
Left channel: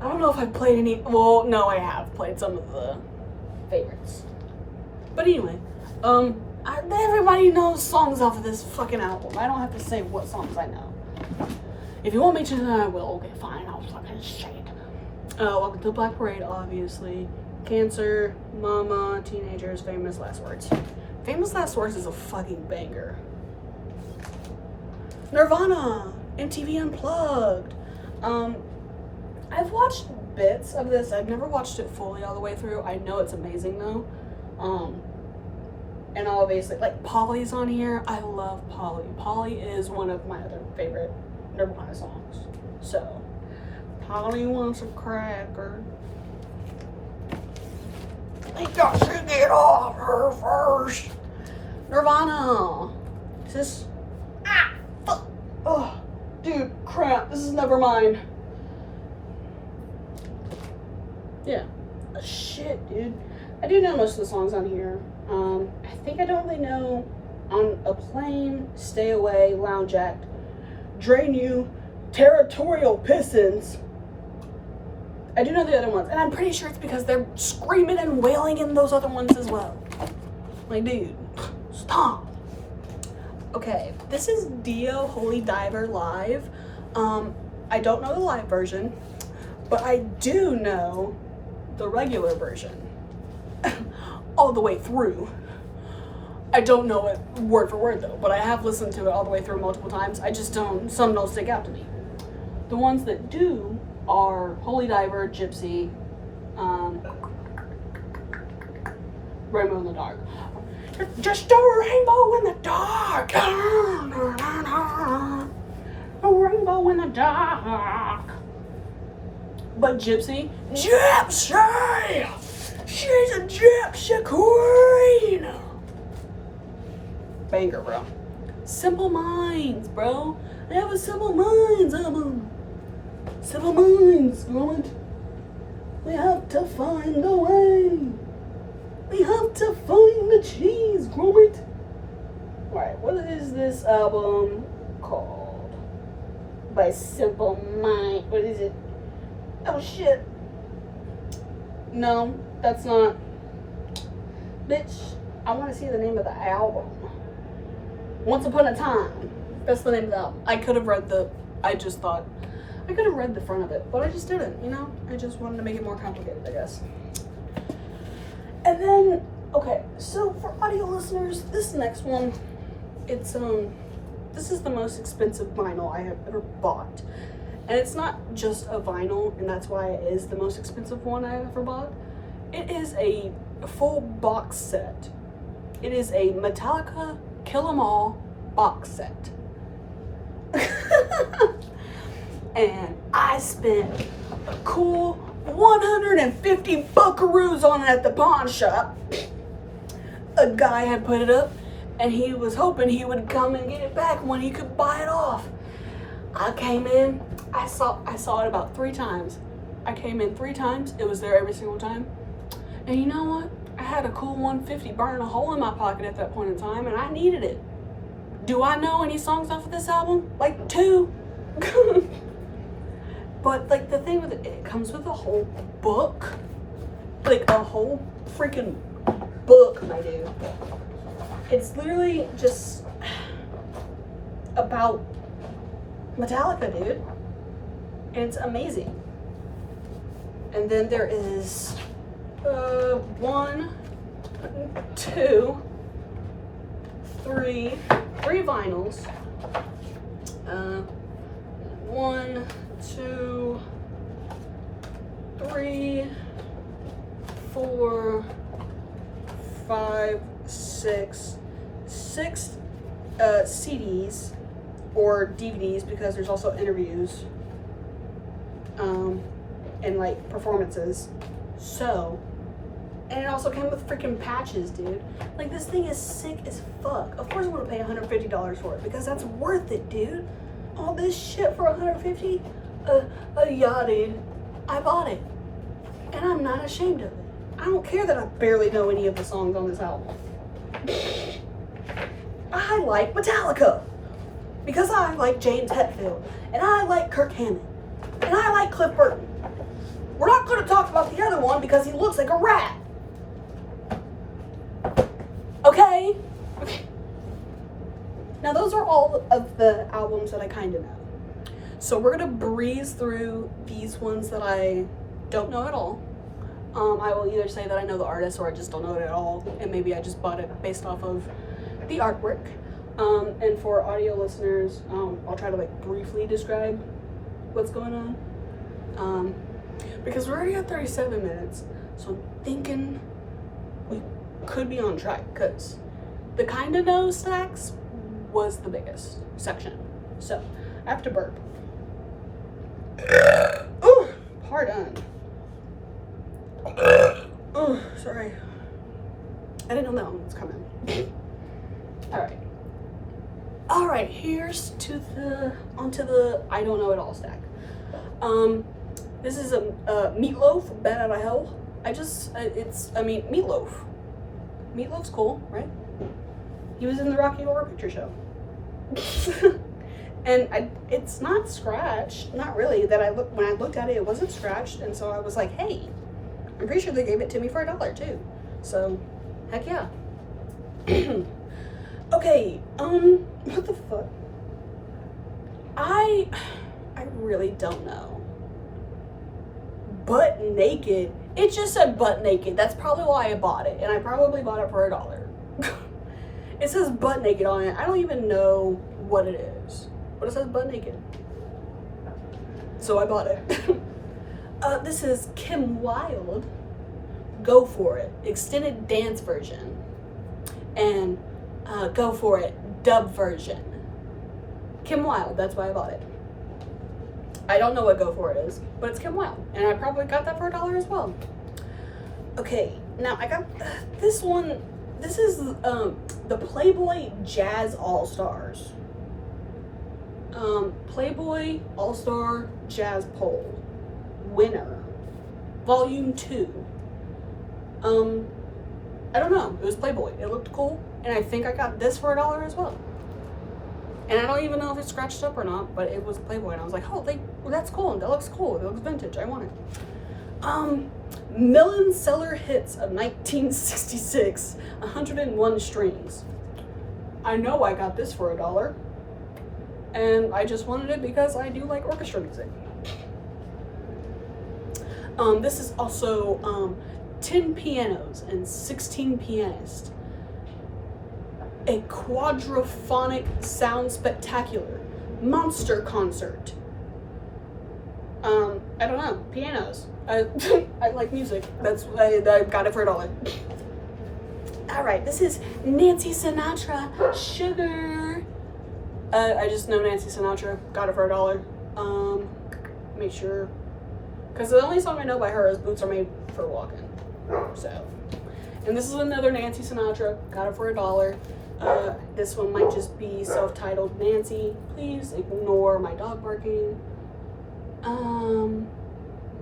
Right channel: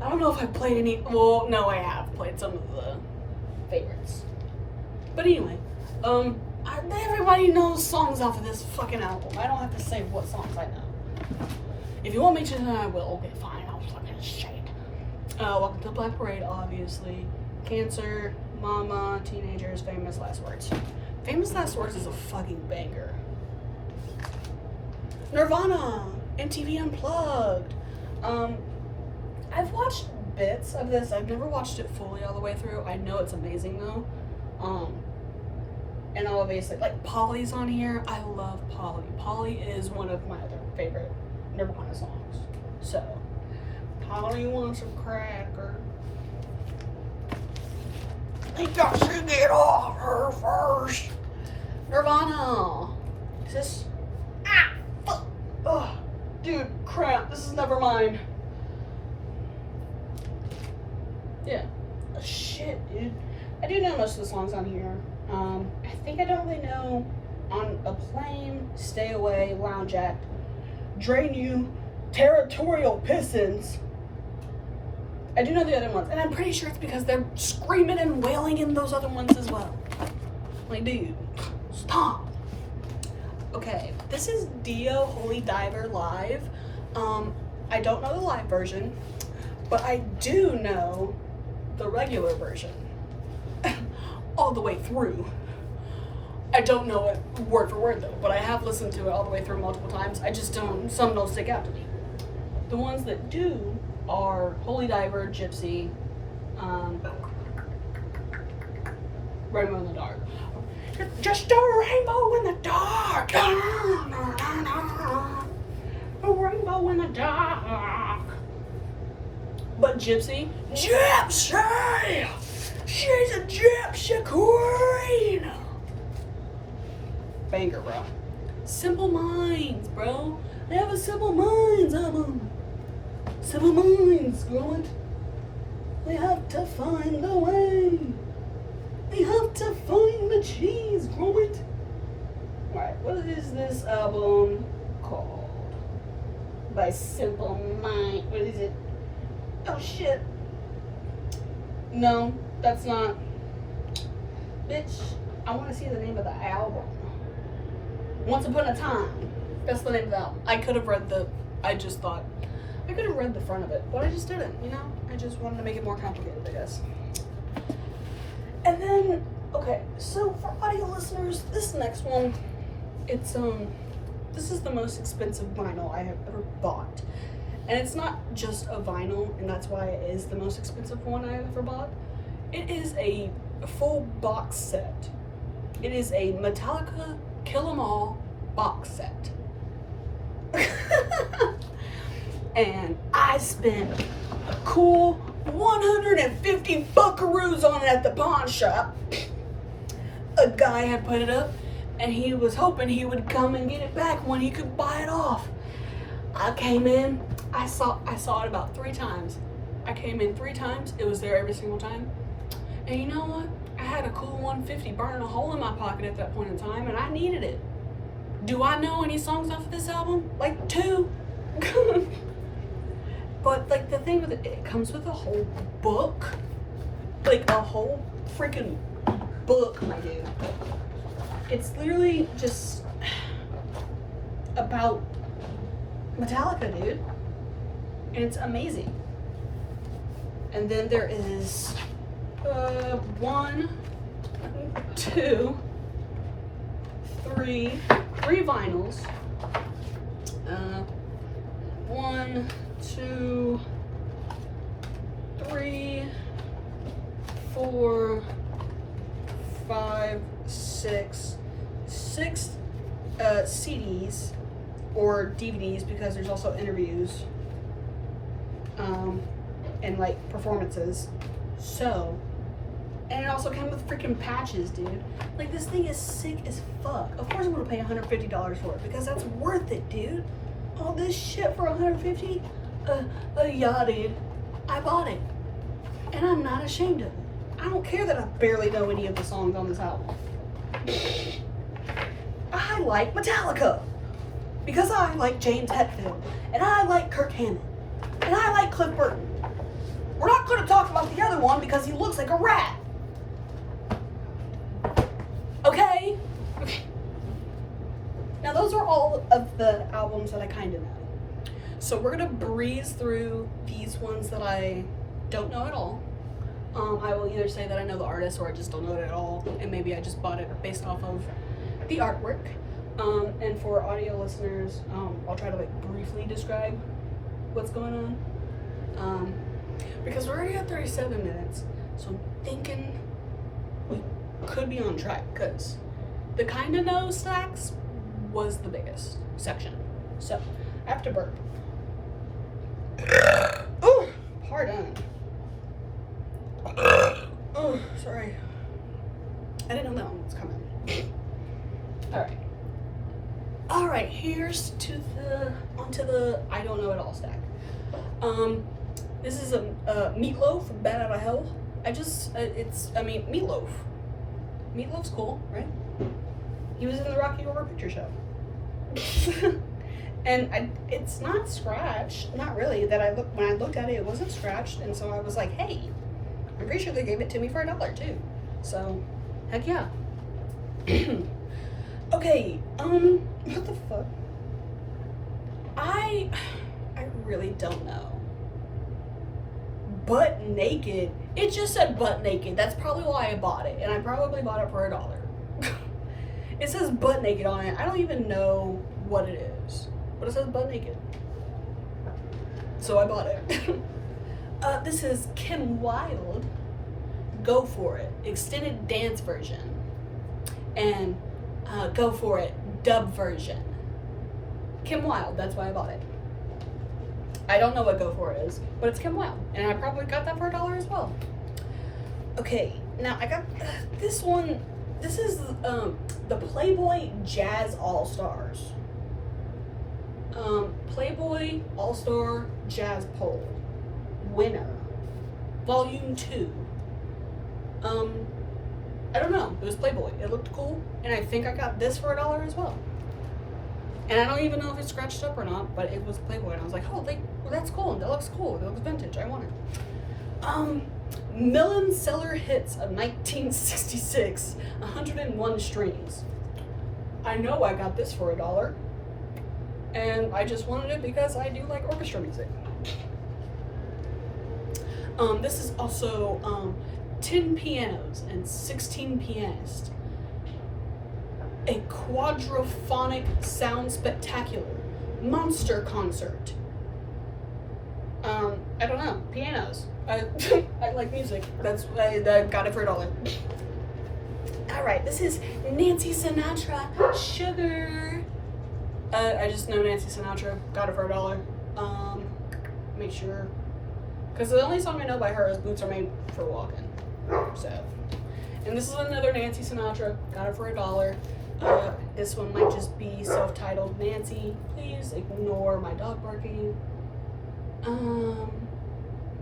I don't know if I've played any, well, no, I have played some of the favorites. But anyway, everybody knows songs off of this fucking album. I don't have to say what songs I know. If you want me to, then I will. Okay, fine, I'll fucking say it. Welcome to Black Parade, obviously. Cancer, Mama, Teenagers, Famous Last Words. Famous Last Words is a fucking banger. Nirvana, MTV Unplugged. I've watched bits of this. I've never watched it fully all the way through. I know it's amazing though. And obviously, like, Polly's on here. I love Polly. Polly is one of my other favorite Nirvana songs. So, Polly wants a cracker. I got to get off her first. Nirvana. Is this? Ah, fuck. Oh, dude, crap. This is never mine. Yeah. Oh, shit, dude. I do know most of the songs on here. I think I don't really know On a Plane, Stay Away, Lounge Act, Drain You, Territorial Pistons. I do know the other ones, and I'm pretty sure it's because they're screaming and wailing in those other ones as well. Like, dude, stop. Okay, this is Dio Holy Diver live. I don't know the live version, but I do know the regular version. All the way through. I don't know it word for word though, but I have listened to it all the way through multiple times. I just don't, some don't stick out to me. The ones that do are Holy Diver, Gypsy, Rainbow in the Dark. Just a rainbow in the dark. A rainbow in the dark. But Gypsy, she's a gypsy queen. Banger, bro. Simple Minds, bro. They have a Simple Minds album. Simple Minds, going. We have to find a way. We have to find the cheese, Gromit. Alright, what is this album called? By Simple Minds. What is it? Oh shit. No, that's not. Bitch, I want to see the name of the album. Once Upon a Time. That's the name of the album. I could have read the, I just thought, I could have read the front of it, but I just didn't, you know? I just wanted to make it more complicated, I guess. And then, okay, so for audio listeners, this next one, it's, this is the most expensive vinyl I have ever bought. And it's not just a vinyl, and that's why it is the most expensive one I have ever bought. It is a full box set. It is a Metallica Kill 'Em All box set. And I spent a cool 150 buckaroos on it at the pawn shop. A guy had put it up, and he was hoping he would come and get it back when he could buy it off. I came in, I saw it about 3 times. I came in 3 times, it was there every single time. And you know what? I had a cool 150 burning a hole in my pocket at that point in time, and I needed it. Do I know any songs off of this album? Like 2. But like the thing with it comes with a whole book. Like a whole freaking book, my dude. It's literally just about Metallica, dude. And it's amazing. And then there is 1, 2, 3 vinyls. 1, 2, 3, 4, 5, 6 CDs or DVDs, because there's also interviews and like performances. So, and it also came with freaking patches, dude. Like, this thing is sick as fuck. Of course I want to pay $150 for it, because that's worth it, dude. All this shit for $150? Yeah, dude. I bought it. And I'm not ashamed of it. I don't care that I barely know any of the songs on this album. I like Metallica. Because I like James Hetfield. And I like Kirk Hammett. And I like Cliff Burton. We're not going to talk about the other one because he looks like a rat. Okay? Now, those are all of the albums that I kind of know. So we're going to breeze through these ones that I don't know at all. I will either say that I know the artist, or I just don't know it at all, and maybe I just bought it based off of the artwork. And for audio listeners, I'll try to like briefly describe what's going on. Because we're already at 37 minutes, so I'm thinking we could be on track, because the Kinda Know stacks was the biggest section. So I have to burp. Oh, pardon. Oh, sorry. I didn't know that one was coming. All right, here's onto the I don't know it all stack. This is a Meatloaf, Bat Out of Hell. Meatloaf. Meatloaf's cool, right? He was in the Rocky Horror Picture Show. And it's not scratched, not really. When I looked at it, it wasn't scratched, and so I was like, hey, I'm pretty sure they gave it to me for $1 too. So, heck yeah. Okay, what the fuck? I really don't know. Butt Naked. It just said Butt Naked. That's probably why I bought it, and I probably bought it for $1. It says Butt Naked on it. I don't even know what it is, but it says Butt Naked. So I bought it. This is Kim Wilde, Go For It, extended dance version, and Go For It, dub version. Kim Wilde, that's why I bought it. I don't know what Go For It is, but it's Kim Wilde, and I probably got that for $1 as well. Okay, now I got this one. This is the Playboy Jazz All-Stars. Playboy All-Star Jazz Poll winner, Volume 2. I don't know. It was Playboy. It looked cool, and I think I got this for $1 as well. And I don't even know if it's scratched up or not, but it was Playboy, and I was like, oh, that's cool. That looks cool. It looks vintage. I want it. Million Seller Hits of 1966, 101 strings. I know I got this for $1, and I just wanted it because I do like orchestra music. This is also 10 pianos and 16 pianists. A quadraphonic sound spectacular monster concert. I don't know, pianos. I like music. I got it for $1. All right, this is Nancy Sinatra, Sugar. I just know Nancy Sinatra. Got it for $1. Make sure Because the only song I know by her is Boots Are Made for Walking. So, and this is another Nancy Sinatra. Got it for $1. This one might just be self-titled Nancy. Please ignore my dog barking.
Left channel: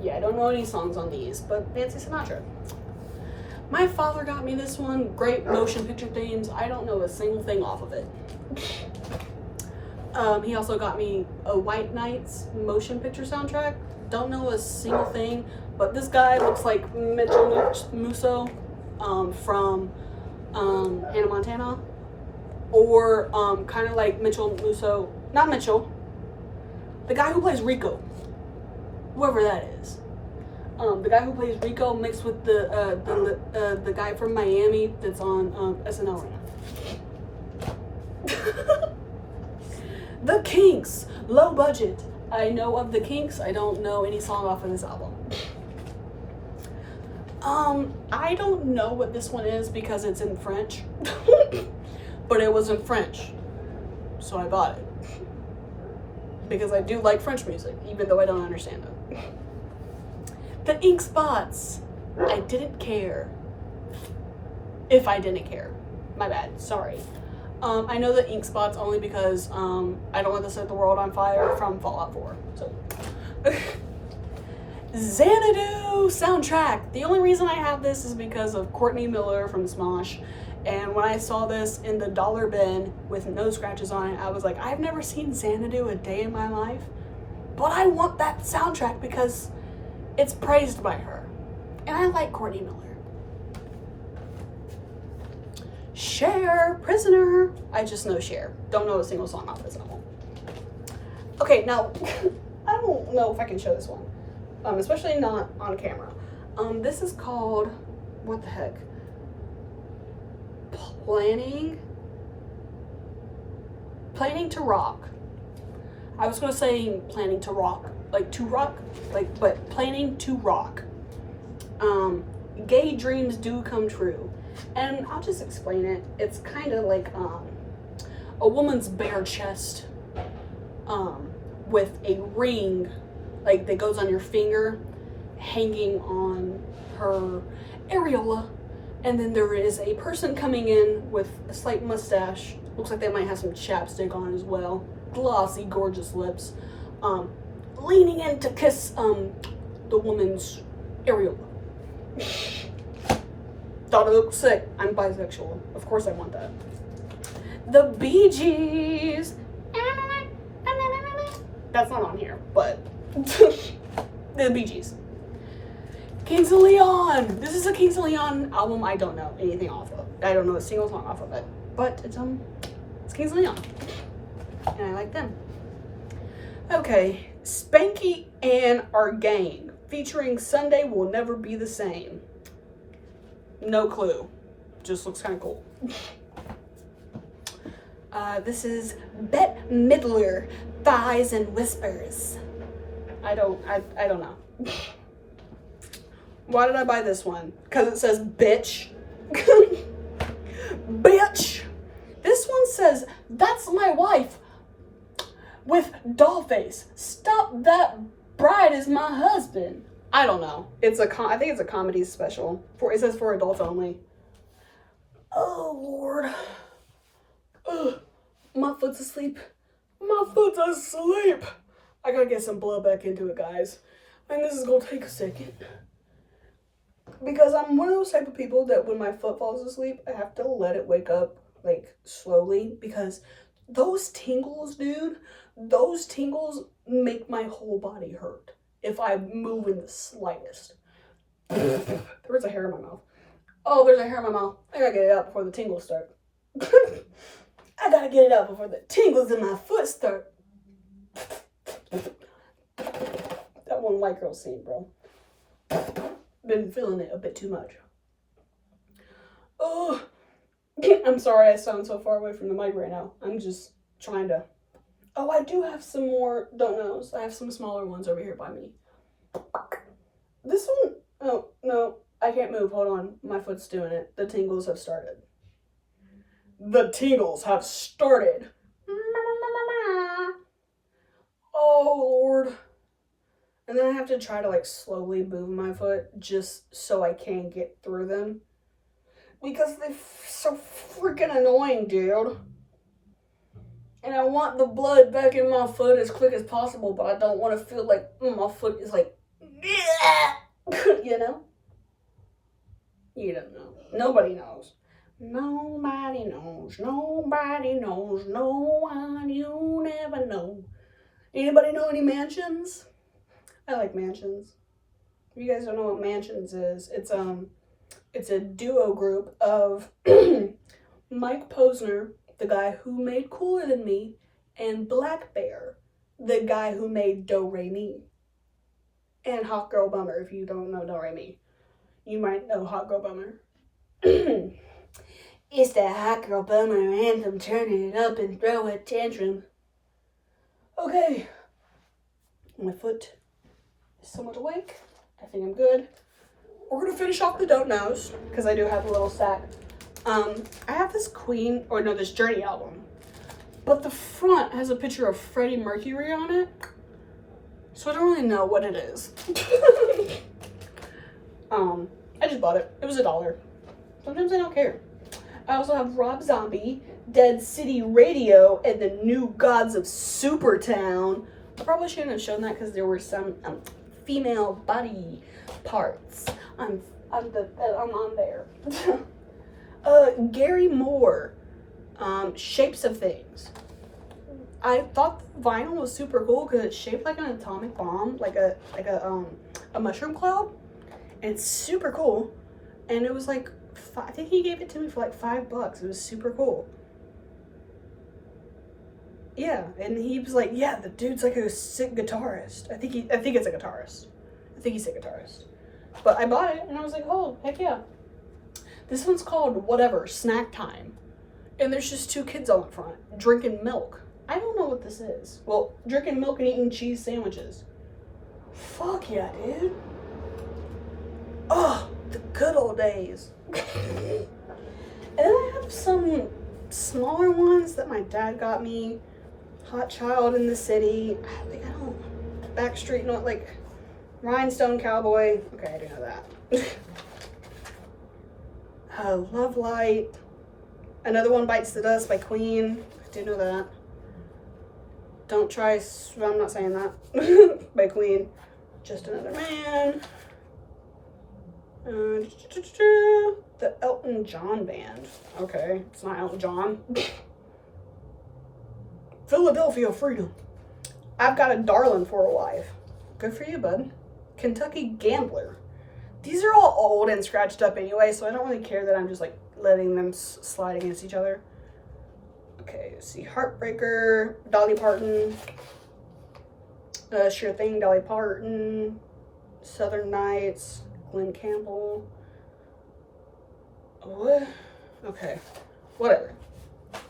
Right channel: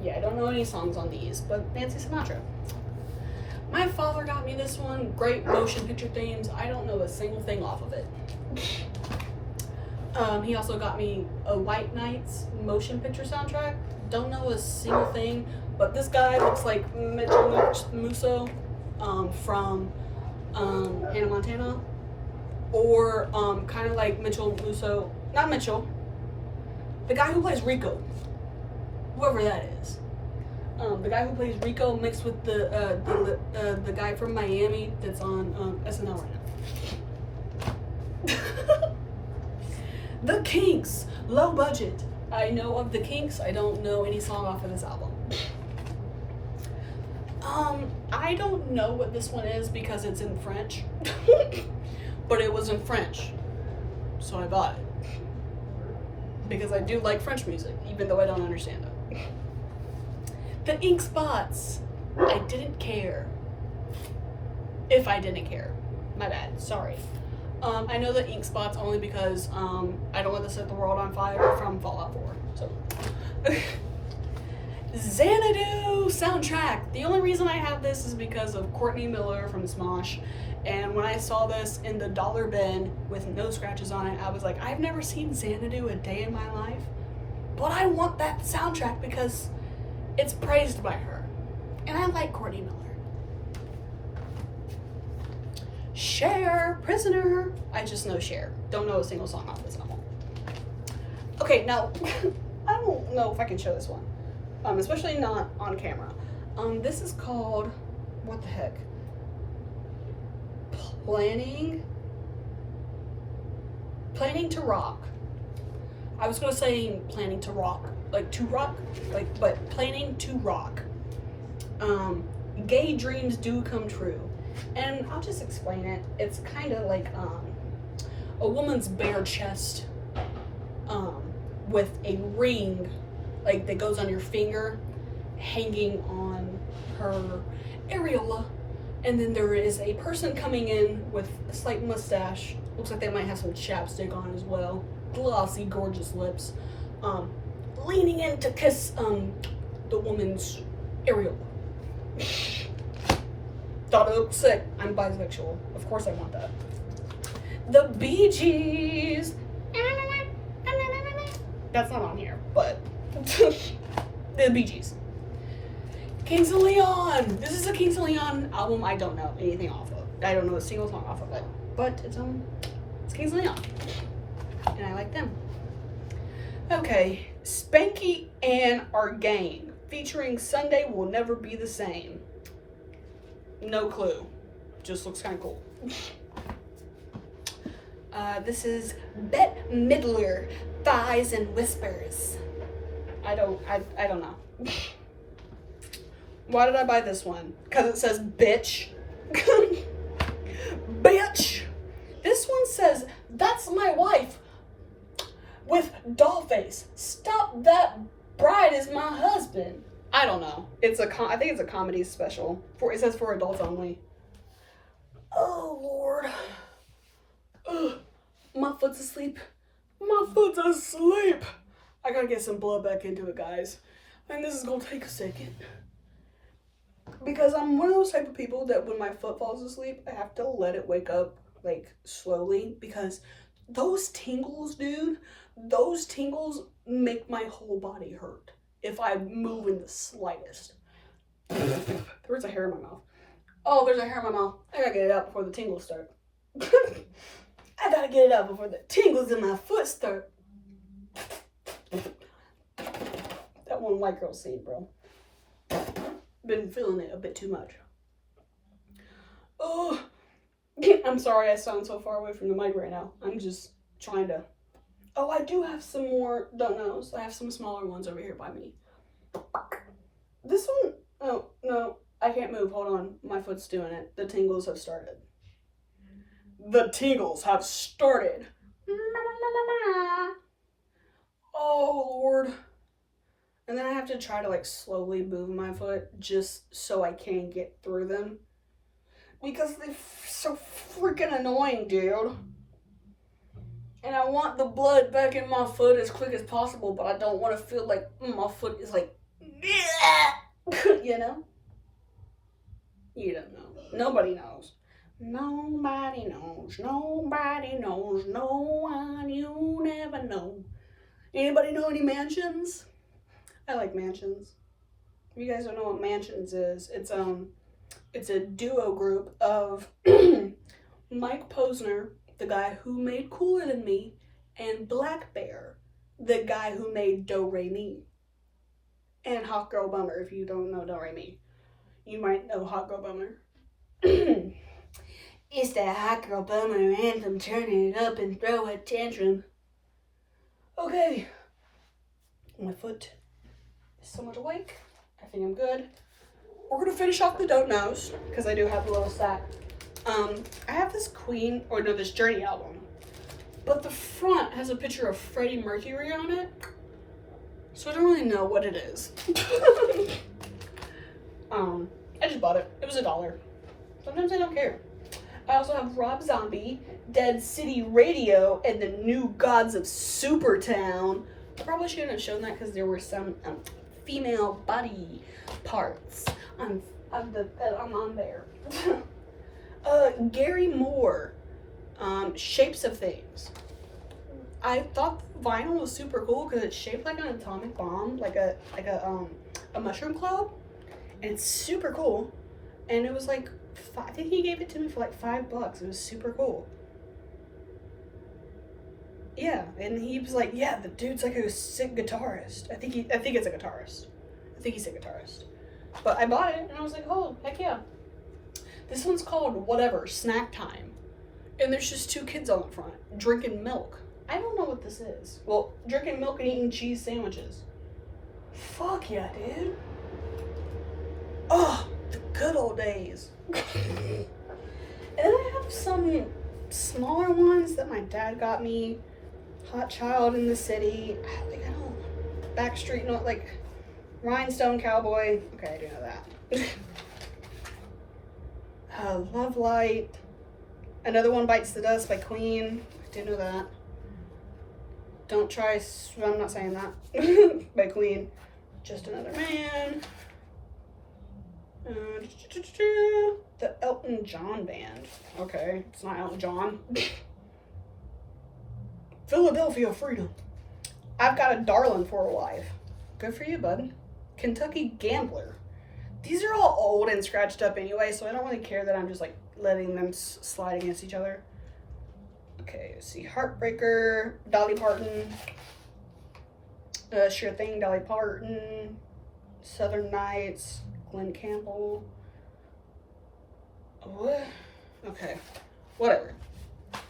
Yeah, I don't know any songs on these, but Nancy Sinatra. My father got me this one. Great motion picture themes. I don't know a single thing off of it. He also got me a White Nights motion picture soundtrack. Don't know a single thing, but this guy looks like Mitchell Musso from Hannah Montana, or kind of like Mitchell Musso, not Mitchell, the guy who plays Rico, whoever that is. The guy who plays Rico mixed with the guy from Miami that's on SNL right now. The Kinks, low budget. I know of the Kinks. I don't know any song off of this album. I don't know what this one is because it's in French, but it was in French, so I bought it because I do like French music, even though I don't understand it. The Ink Spots. I didn't care. If I didn't care, my bad. Sorry. I know the Ink Spots only because I don't want to set the world on fire from Fallout 4. So, Xanadu soundtrack. The only reason I have this is because of Courtney Miller from Smosh. And when I saw this in the dollar bin with no scratches on it, I was like, I've never seen Xanadu a day in my life, but I want that soundtrack because it's praised by her. And I like Courtney Miller. Cher, Prisoner. I just know Cher. Don't know a single song off this album. Okay, now, I don't know if I can show this one. Especially not on camera. This is called, what the heck? Planning to Rock. I was gonna say Planning to Rock. Like to rock, like, but Planning to Rock. Gay dreams do come true. And I'll just explain it. It's kind of like a woman's bare chest with a ring like that goes on your finger hanging on her areola. And then there is a person coming in with a slight mustache. Looks like they might have some chapstick on as well. Glossy, gorgeous lips. Leaning in to kiss the woman's areola. Thought it looked sick. I'm bisexual. Of course I want that. The Bee Gees. That's not on here, but the Bee Gees. Kings of Leon. This is a Kings of Leon album I don't know anything off of. I don't know a single song off of it, but it's Kings of Leon, and I like them. Okay, Spanky and Our Gang featuring Sunday Will Never Be the Same. No clue. Just looks kind of cool. This is Bette Midler, Thighs and Whispers. I don't know. Why did I buy this one? Because it says bitch. Bitch. This one says, that's my wife with doll face. Stop that bride is my husband. I don't know. It's I think it's a comedy special. It says for adults only. Oh, Lord. Ugh. My foot's asleep. My foot's asleep. I gotta get some blood back into it, guys. And this is gonna take a second. Because I'm one of those type of people that when my foot falls asleep, I have to let it wake up, like, slowly. Because those tingles, dude, those tingles make my whole body hurt if I move in the slightest. There's a hair in my mouth. Oh, there's a hair in my mouth. I gotta get it out before the tingles start. I gotta get it out before the tingles in my foot start. That one white girl scene, bro. Been feeling it a bit too much. Oh, I'm sorry I sound so far away from the mic right now. I'm just trying to. Oh, I do have some more don't knows. I have some smaller ones over here by me. This one, oh, no, I can't move. Hold on. My foot's doing it. The tingles have started. The tingles have started. Oh, Lord. And then I have to try to like slowly move my foot just so I can get through them. Because they're so freaking annoying, dude. And I want the blood back in my foot as quick as possible, but I don't want to feel like my foot is like, you know? You don't know. Nobody knows. Nobody knows. Nobody knows. No one. You never know. Anybody know any mansions? I like mansions. If you guys don't know what mansions is, it's a duo group of Mike Posner, the guy who made Cooler Than Me, and Black Bear, the guy who made Do Re Mi. And Hot Girl Bummer, if you don't know Do Re Mi. You might know Hot Girl Bummer. It's that Hot Girl Bummer anthem, turn it up and throw a tantrum. Okay. My foot is somewhat awake. I think I'm good. We're gonna finish off the Don't Knows, because I do have a little sack. I have this this Journey album, but the front has a picture of Freddie Mercury on it, so I don't really know what it is. I just bought it. It was $1. Sometimes I don't care. I also have Rob Zombie, Dead City Radio, and the New Gods of Supertown. I probably shouldn't have shown that because there were some female body parts on there. Gary Moore, Shapes of Things. I thought the vinyl was super cool because it's shaped like an atomic bomb, like a mushroom cloud, and it's super cool. And it was like, I think he gave it to me for like $5. It was super cool. Yeah, and he was like, yeah, the dude's like a sick guitarist. I think it's a guitarist. I think he's a guitarist. But I bought it and I was like, oh, heck yeah. This one's called whatever, Snack Time. And there's just 2 kids on the front drinking milk. I don't know what this is. Well, drinking milk and eating cheese sandwiches. Fuck yeah, dude. Oh, the good old days. And then I have some smaller ones that my dad got me. Hot Child in the City. I don't. Backstreet, not like Rhinestone Cowboy. Okay, I do know that. Love Light. Another One Bites the Dust by Queen. I do know that. Don't Try. I'm not saying that. By Queen. Just Another Man. The Elton John Band. Okay, it's not Elton John. Philadelphia Freedom. I've Got a Darlin' for a Wife. Good for you, bud. Kentucky Gambler. These are all old and scratched up anyway, so I don't really care that I'm just like letting them slide against each other. Okay, let's see. Heartbreaker, Dolly Parton. Sure Thing, Dolly Parton. Southern Nights, Glenn Campbell. What? Okay, whatever.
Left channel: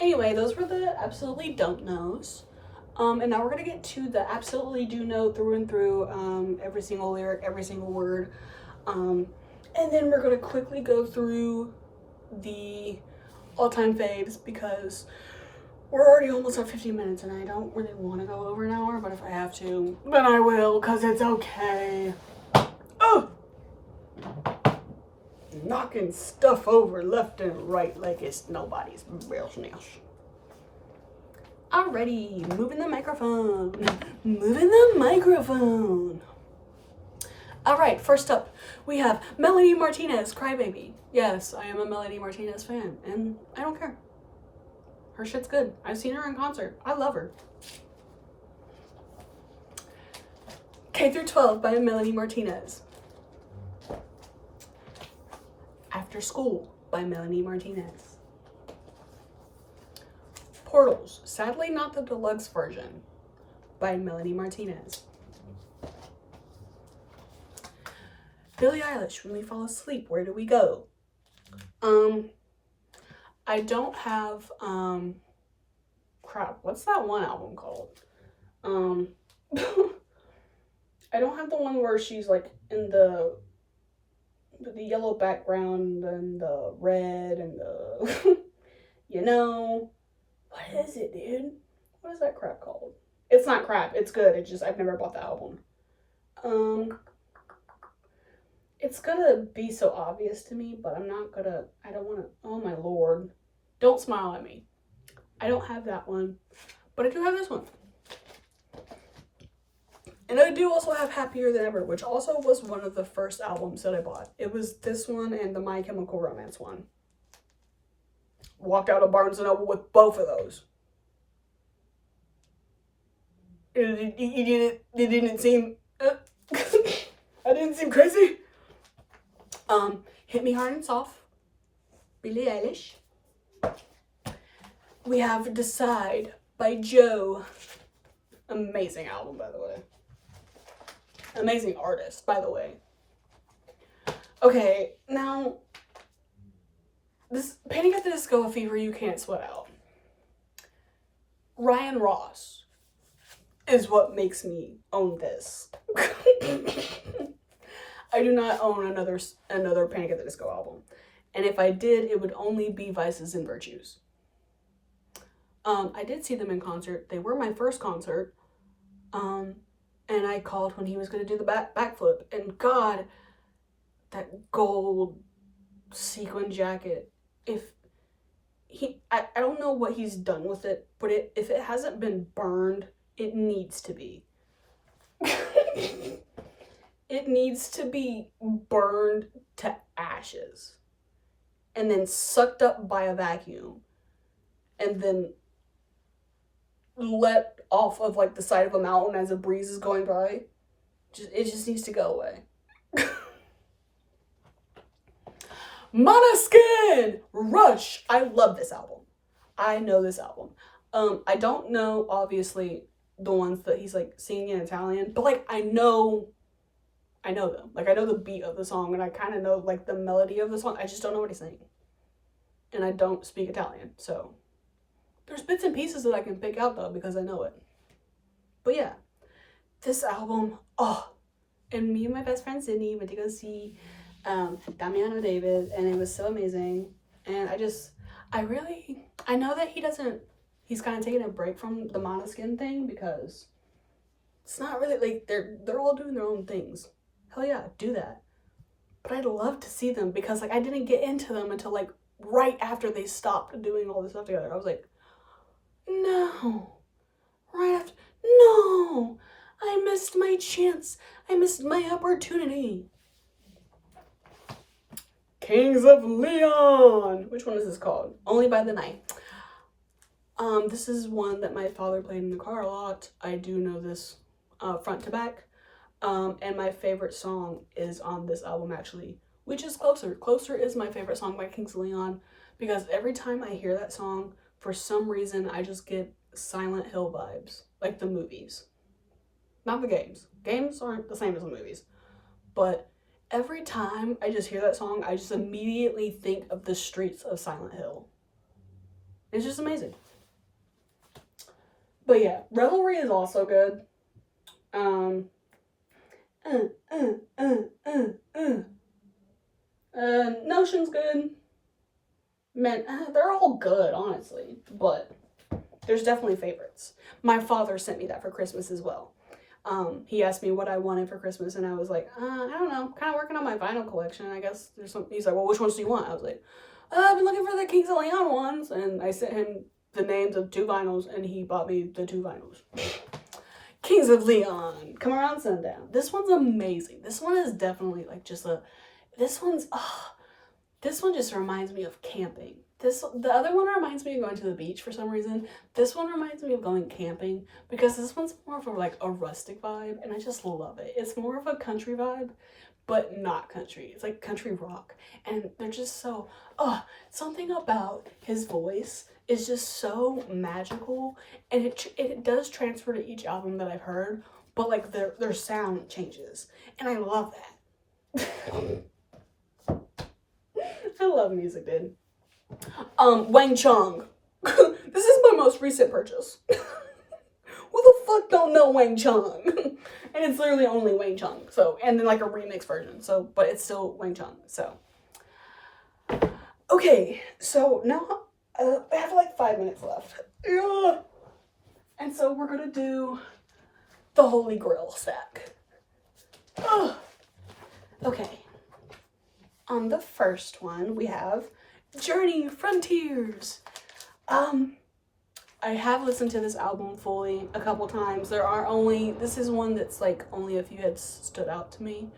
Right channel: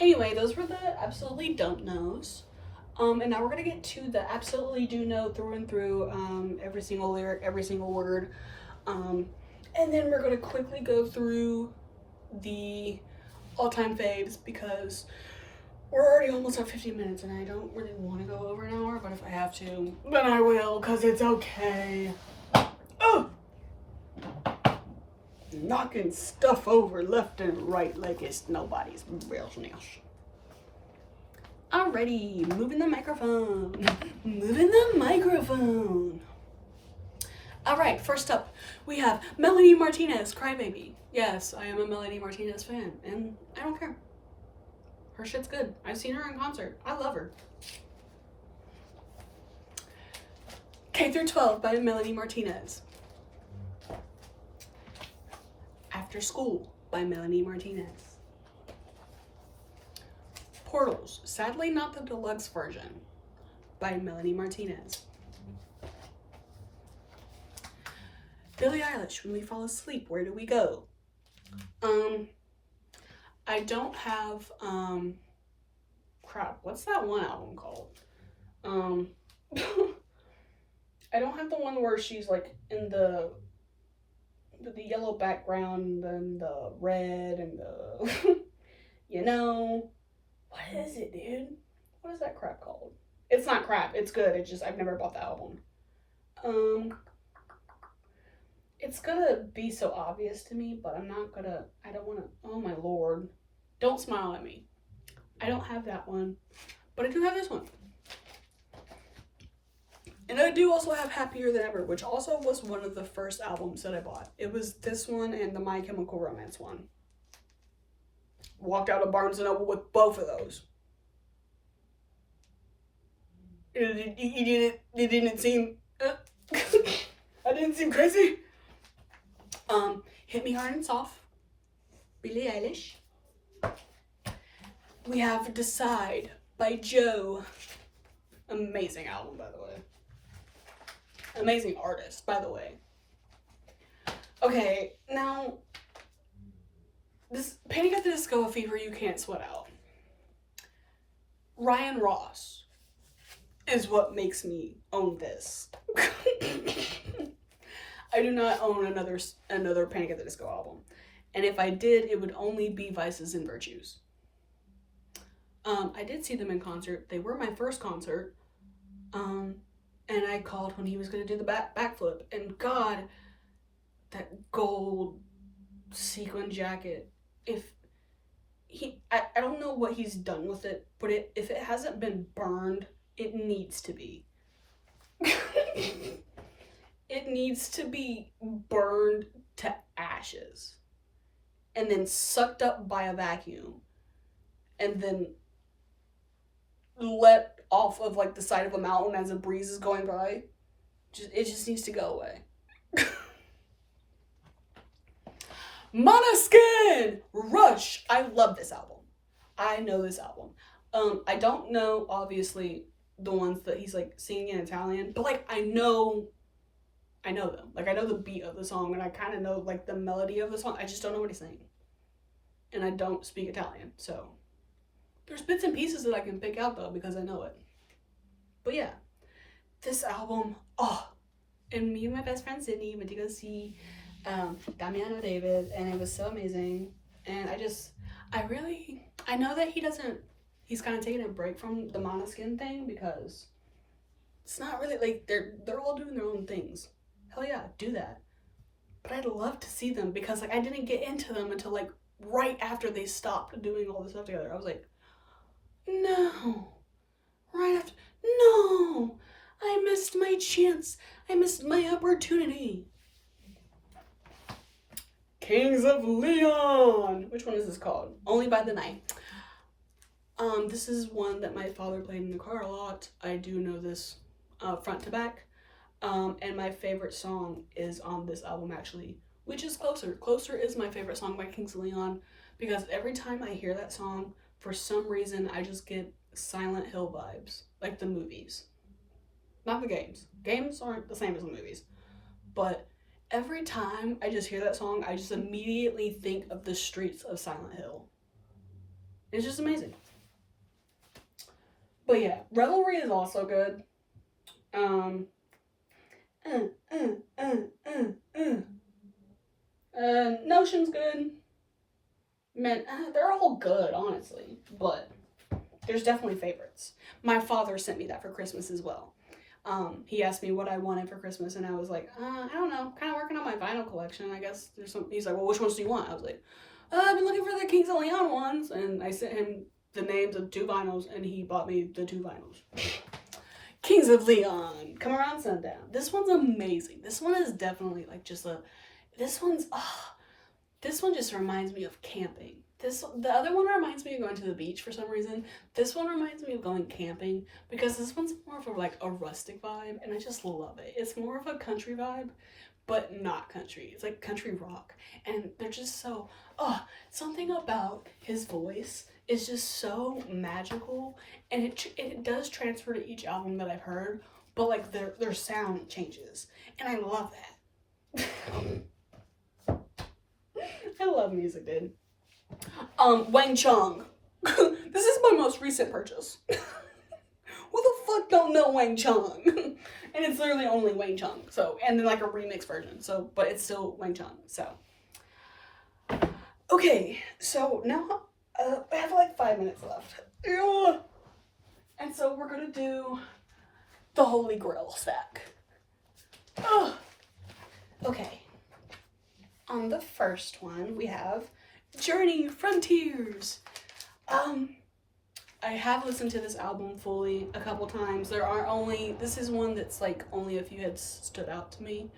Anyway, those were the absolutely don't knows. And now we're gonna get to the absolutely do know through and through, every single lyric, every single word. And then we're gonna quickly go through the all-time faves because we're already almost at 50 minutes and I don't really want to go over an hour, but if I have to, then I will, because it's okay. Oh! Knocking stuff over left and right like it's nobody's business. Alrighty, moving the microphone. Moving the microphone. Alright, first up, we have Melanie Martinez, Crybaby. Yes, I am a Melanie Martinez fan, and I don't care. Her shit's good. I've seen her in concert. I love her. K-12 by Melanie Martinez. After School by Melanie Martinez. Portals, sadly not the deluxe version, by Melanie Martinez. Billie Eilish, When We Fall Asleep, Where Do We Go? I don't have, crap, what's that one album called? I don't have the one where she's like in with the yellow background and the red and the, you know, what is it, dude? What is that crap called? It's not crap, it's good, it's just, I've never bought the album. It's gonna be so obvious to me, but I don't wanna, oh my lord. Don't smile at me. I don't have that one, but I do have this one. And I do also have Happier Than Ever, which also was one of the first albums that I bought. It was this one and the My Chemical Romance one. Walked out of Barnes & Noble with both of those. It didn't seem... I didn't seem crazy. Hit Me Hard and Soft. Billie Eilish. We have Decide by Joe. Amazing album, by the way. Amazing artist, by the way. Okay, now, this Panic at the Disco, A Fever You Can't Sweat Out. Ryan Ross is what makes me own this. I do not own another Panic at the Disco album. And if I did, it would only be Vices and Virtues. I did see them in concert. They were my first concert. And I called when he was going to do the backflip. And God, that gold sequin jacket. I don't know what he's done with it, but if it hasn't been burned, it needs to be. It needs to be burned to ashes. And then sucked up by a vacuum. And then let off of like the side of a mountain as a breeze is going by. It just needs to go away. Måneskin! Rush! I love this album. I know this album. I don't know, obviously, the ones that he's like singing in Italian, but like I know them. Like I know the beat of the song and I kind of know like the melody of the song. I just don't know what he's saying. And I don't speak Italian, so there's bits and pieces that I can pick out though because I know it. But yeah, this album, and me and my best friend Sydney went to go see Damiano David, and it was so amazing. And I know that he's kind of taking a break from the Måneskin thing because it's not really like they're all doing their own things. Hell yeah, do that. But I'd love to see them because like I didn't get into them until like right after they stopped doing all this stuff together. I was like, no, I missed my chance. I missed my opportunity. Kings of Leon. Which one is this called? Only by the Night. This is one that my father played in the car a lot. I do know this front to back. And my favorite song is on this album actually, which is Closer. Closer is my favorite song by Kings of Leon because every time I hear that song, for some reason, I just get Silent Hill vibes, like the movies. Not the games. Games aren't the same as the movies. But every time I just hear that song, I just immediately think of the streets of Silent Hill. It's just amazing. But yeah, Revelry is also good. Notion's good. Man, they're all good, honestly. But there's definitely favorites. My father sent me that for Christmas as well. He asked me what I wanted for Christmas, and I was like, I don't know. Kind of working on my vinyl collection. I guess there's some. He's like, well, which ones do you want? I was like, I've been looking for the Kings of Leon ones, and I sent him the names of 2 vinyls, and he bought me the 2 vinyls. Kings of Leon, Come Around Sundown. This one's amazing. This one is definitely like just this one just reminds me of camping. The other one reminds me of going to the beach for some reason. This one reminds me of going camping because this one's more of like a rustic vibe, and I just love it. It's more of a country vibe, but not country. It's like country rock, and they're just so, something about his voice is just so magical, and it does transfer to each album that I've heard, but like their sound changes, and I love that. I love music, dude. Wang Chung. This is my most recent purchase. Who the fuck don't know Wang Chung? And it's literally only Wang Chung. So, and then like a remix version. So, but it's still Wang Chung. So, okay. So now I have like 5 minutes left. And so we're gonna do the Holy Grail stack. Ugh. Okay. On the first one, we have Journey Frontiers. I have listened to this album fully a couple times. This is one that's like only a few hits stood out to me.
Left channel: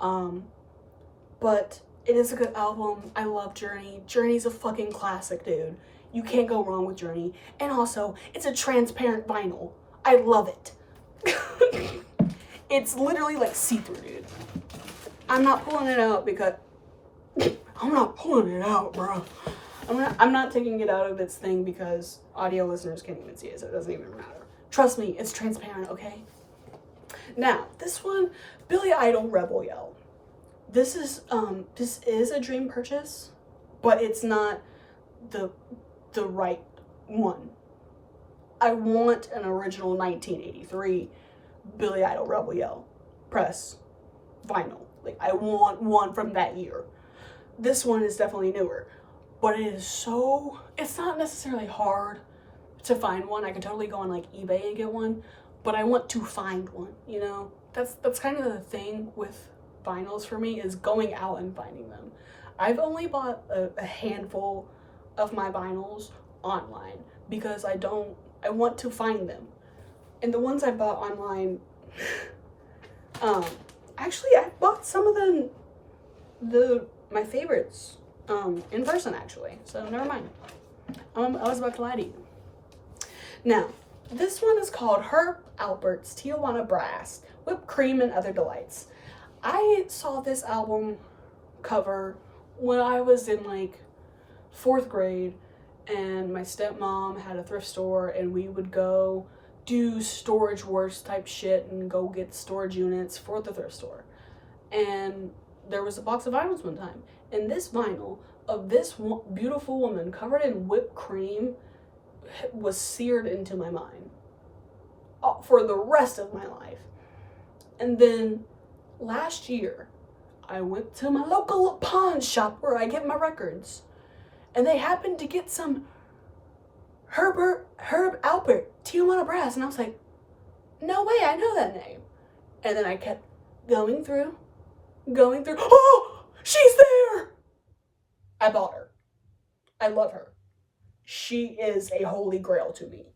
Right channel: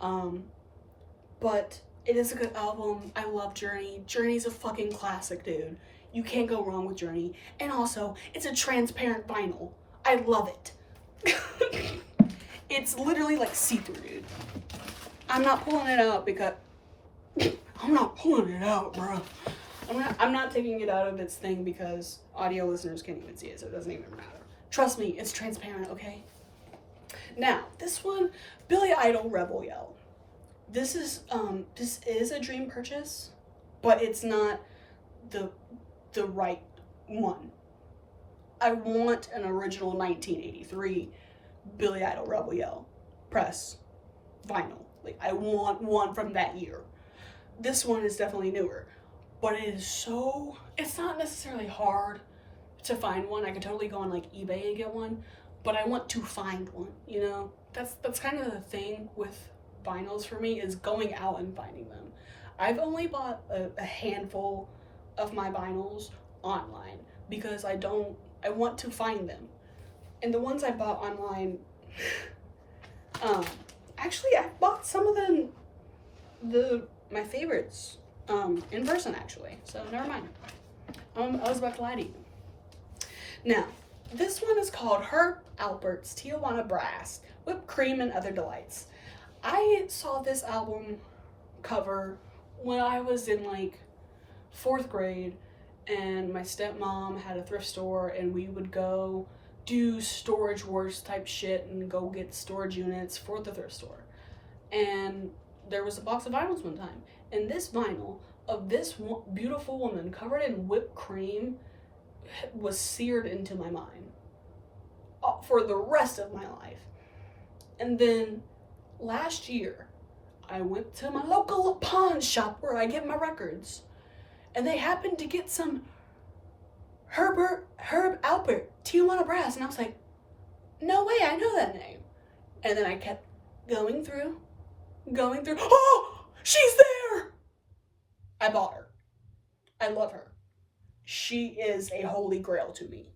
But it is a good album. I love Journey. Journey's a fucking classic, dude. You can't go wrong with Journey. And also, it's a transparent vinyl. I love it. It's literally like see-through, dude. I'm not pulling it out because I'm not pulling it out, bro. I'm not taking it out of its thing because audio listeners can't even see it, so it doesn't even matter. Trust me, it's transparent, okay? Now, this one, Billy Idol Rebel Yell. This is a dream purchase, but it's not the right one. I want an original 1983 Billy Idol Rebel Yell press vinyl. Like, I want one from that year. This one is definitely newer, but it's not necessarily hard to find one. I could totally go on like eBay and get one, but I want to find one, you know? That's kind of the thing with vinyls for me, is going out and finding them. I've only bought a handful of my vinyls online because I want to find them. And the ones I bought online, actually I bought some of my favorites in person actually, so never mind. I was about to lie to you. Now, this one is called Herb Alpert's Tijuana Brass, Whipped Cream and Other Delights. I saw this album cover when I was in like 4th grade, and my stepmom had a thrift store, and we would go do Storage Wars type shit and go get storage units for the thrift store. And there was a box of vinyls one time, and this vinyl of this beautiful woman covered in whipped cream was seared into my mind for the rest of my life. And then last year, I went to my local pawn shop where I get my records, and they happened to get some Herb Alpert Tijuana Brass, and I was like, no way, I know that name. And then I kept going through, oh, she's there! I bought her. I love her. She is a holy grail to me.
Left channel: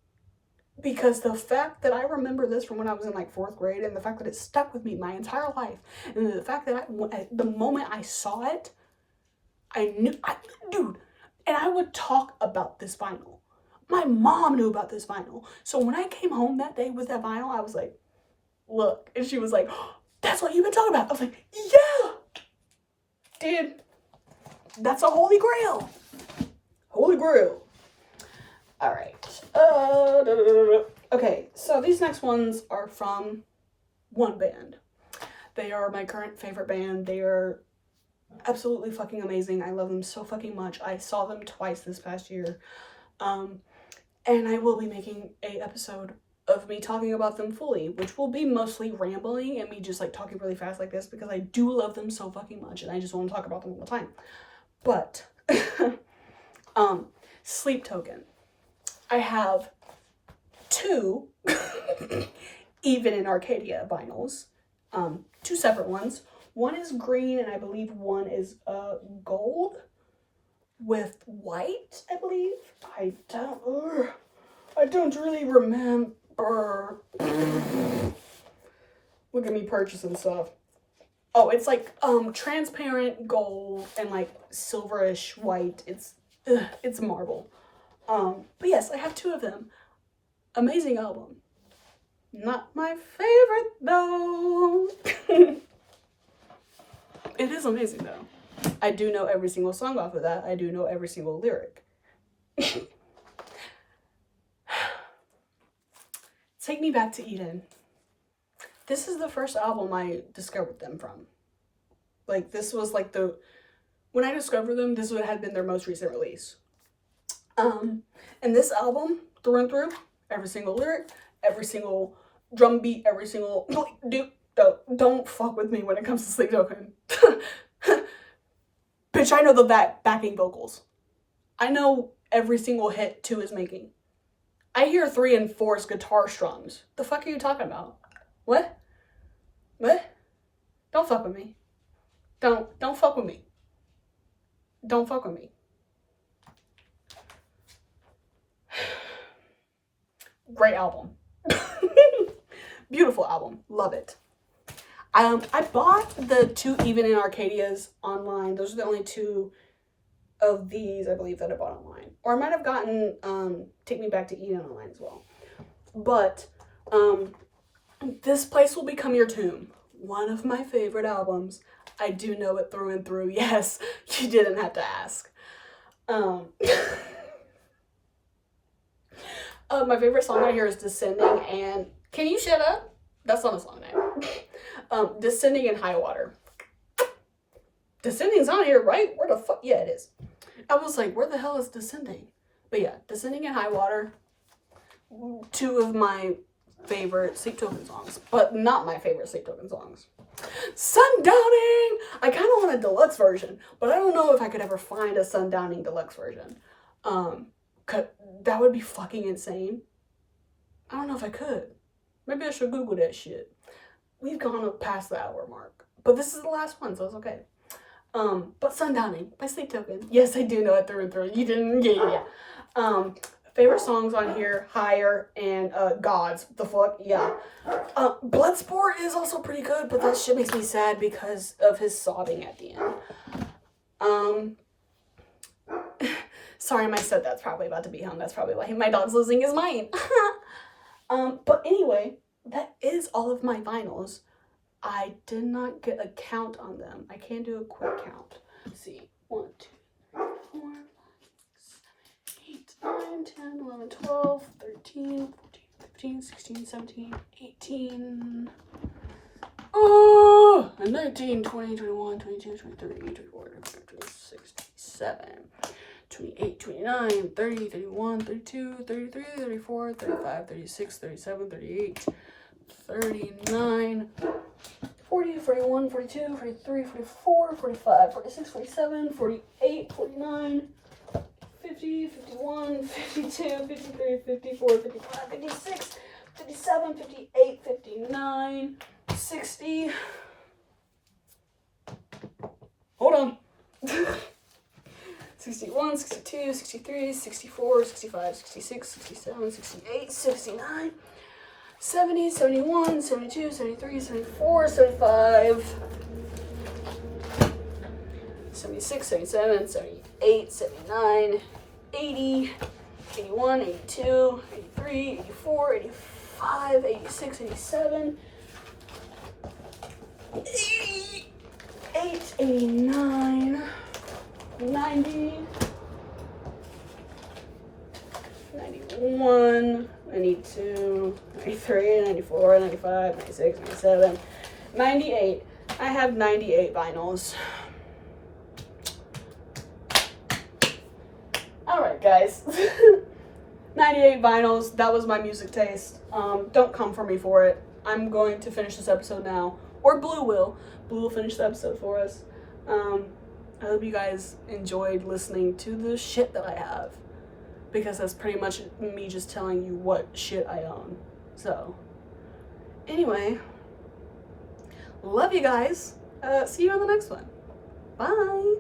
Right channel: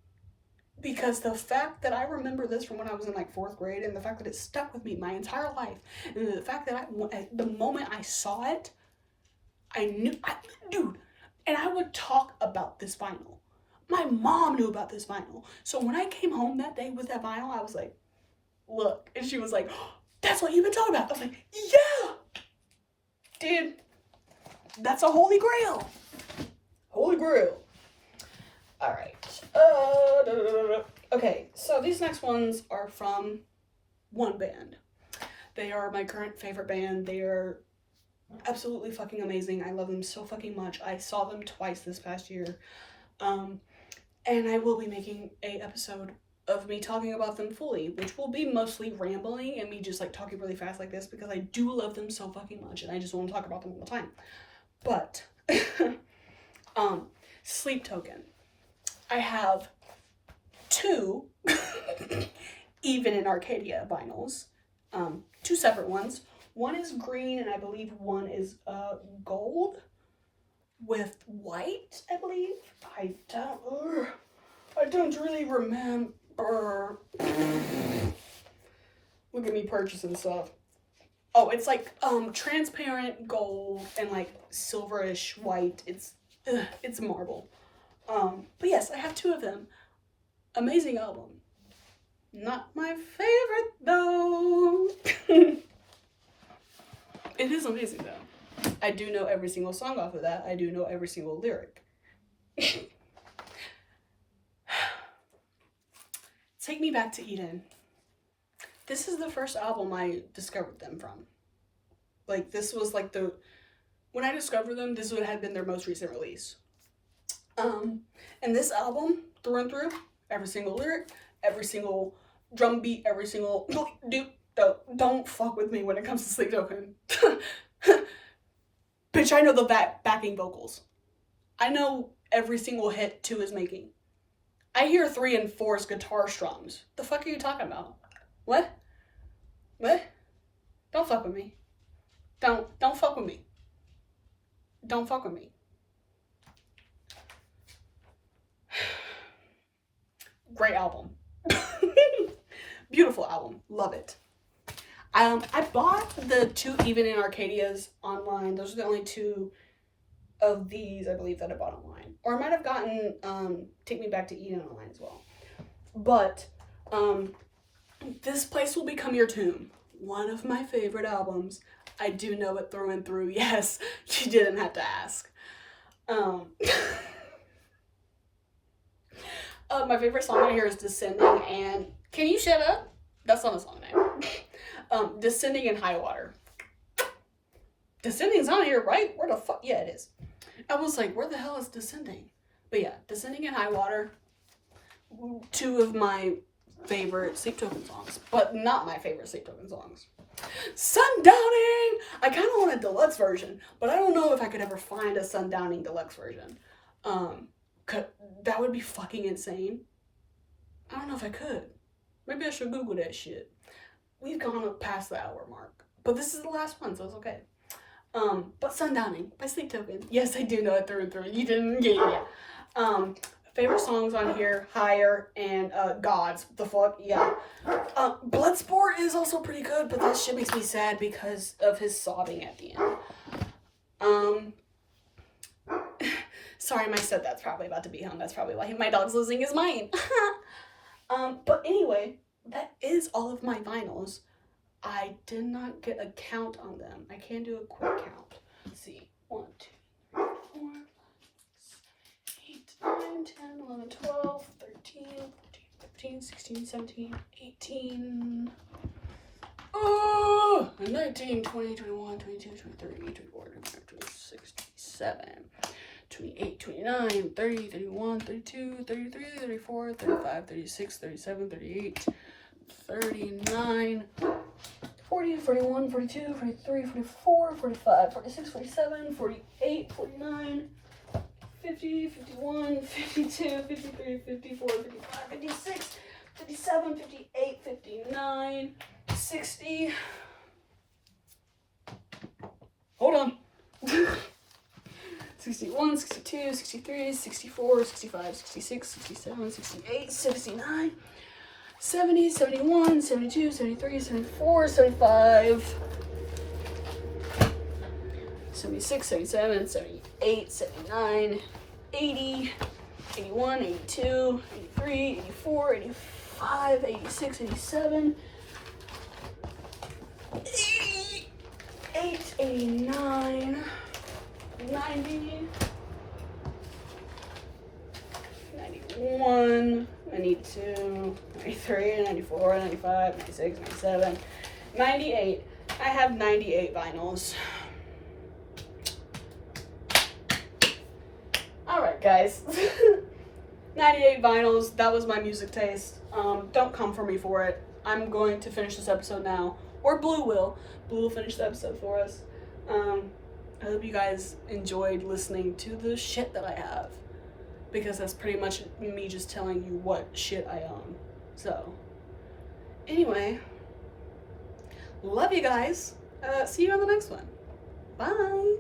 Because the fact that I remember this from when I was in like 4th grade, and the fact that it stuck with me my entire life, and the fact that the moment I saw it, dude, and I would talk about this vinyl. My mom knew about this vinyl. So when I came home that day with that vinyl, I was like, look. And she was like, oh, that's what you've been talking about. I was like, yeah, dude, that's a holy grail. Holy grail. All right. Okay, so these next ones are from one band. They are my current favorite band. They are absolutely fucking amazing. I love them so fucking much. I saw them twice this past year. And I will be making an episode of me talking about them fully, which will be mostly rambling and me just like talking really fast like this, because I do love them so fucking much and I just want to talk about them all the time. But Sleep Token. I have 2 Even in Arcadia vinyls. 2 separate ones. One is green and I believe one is gold with white, I believe. I don't really remember. Look at me purchasing stuff. Oh, it's like transparent gold and like silverish white. It's marble. But yes, I have 2 of them. Amazing album. Not my favorite though. It is amazing though. I do know every single song off of that. I do know every single lyric. Take Me Back to Eden. This is the first album I discovered them from. Like, this was like when I discovered them, this had been their most recent release. And this album, through and through, every single lyric, every single drum beat, every single, dude, don't fuck with me when it comes to Sleep Token. Bitch, I know the backing vocals. I know every single hit 2 is making. I hear 3 and 4's guitar strums. The fuck are you talking about? What? Don't fuck with me. Don't fuck with me. Don't fuck with me. Great album. Beautiful album. Love it. I bought the 2 Even in Arcadias online. Those are the only 2 of these, I believe, that I bought online. Or I might have gotten Take Me Back to Eden online as well. But This Place Will Become Your Tomb. One of my favorite albums. I do know it through and through. Yes, you didn't have to ask. My favorite song on here is Descending and... Can you shut up? That's not a song name. Descending and High Water. Descending's on here, right? Where the fuck? Yeah, it is. I was like, where the hell is Descending? But yeah, Descending and High Water. 2 of my favorite Sleep Token songs. But not my favorite Sleep Token songs. Sundowning! I kind of want a deluxe version. But I don't know if I could ever find a Sundowning deluxe version. That would be fucking insane. I don't know if I could. Maybe I should Google that shit. We've gone up past the hour mark. But this is the last one, so it's okay. But Sundowning by Sleep Token. Yes, I do know it through and through. You didn't? Yeah. Favorite songs on here, Higher and Gods. The fuck? Yeah. Bloodsport is also pretty good, but that shit makes me sad because of his sobbing at the end. Sorry, my stepdad's probably about to be home. That's probably why my dog's losing his mind. But anyway, that is all of my vinyls. I did not get a count on them. I can do a quick count. Let's see. 1, 2, 3, 4, 5, 6, 7, 8, 9, 10, 11, 12, 13, 14, 15, 16, 17, 18. Oh! 19, 20, 21, 22, 23, 24, 25, 26, 27. 28, 29, 30, 31, 32, 33, 34, 35, 36, 37, 38, 39, 40, 41, 42, 43, 44, 45, 46, 47, 48, 49, 50, 51, 52, 53, 54, 55, 56, 57, 58, 59, 60. Hold on. 61, 62, 63, 64, 65, 66, 67, 68, 69, 70, 71, 72, 73, 74, 75, 76, 77, 78, 79, 80, 81, 82, 83, 84, 85, 86, 87, 88, 89, 90, 91, 92, 93, 94, 95, 96, 97, 98. I have 98 vinyls. Alright, guys. 98 vinyls. That was my music taste. Don't come for me for it. I'm going to finish this episode now. Or Blue will. Blue will finish the episode for us. I hope you guys enjoyed listening to the shit that I have. Because that's pretty much me just telling you what shit I own. So, anyway. Love you guys. See you on the next one. Bye.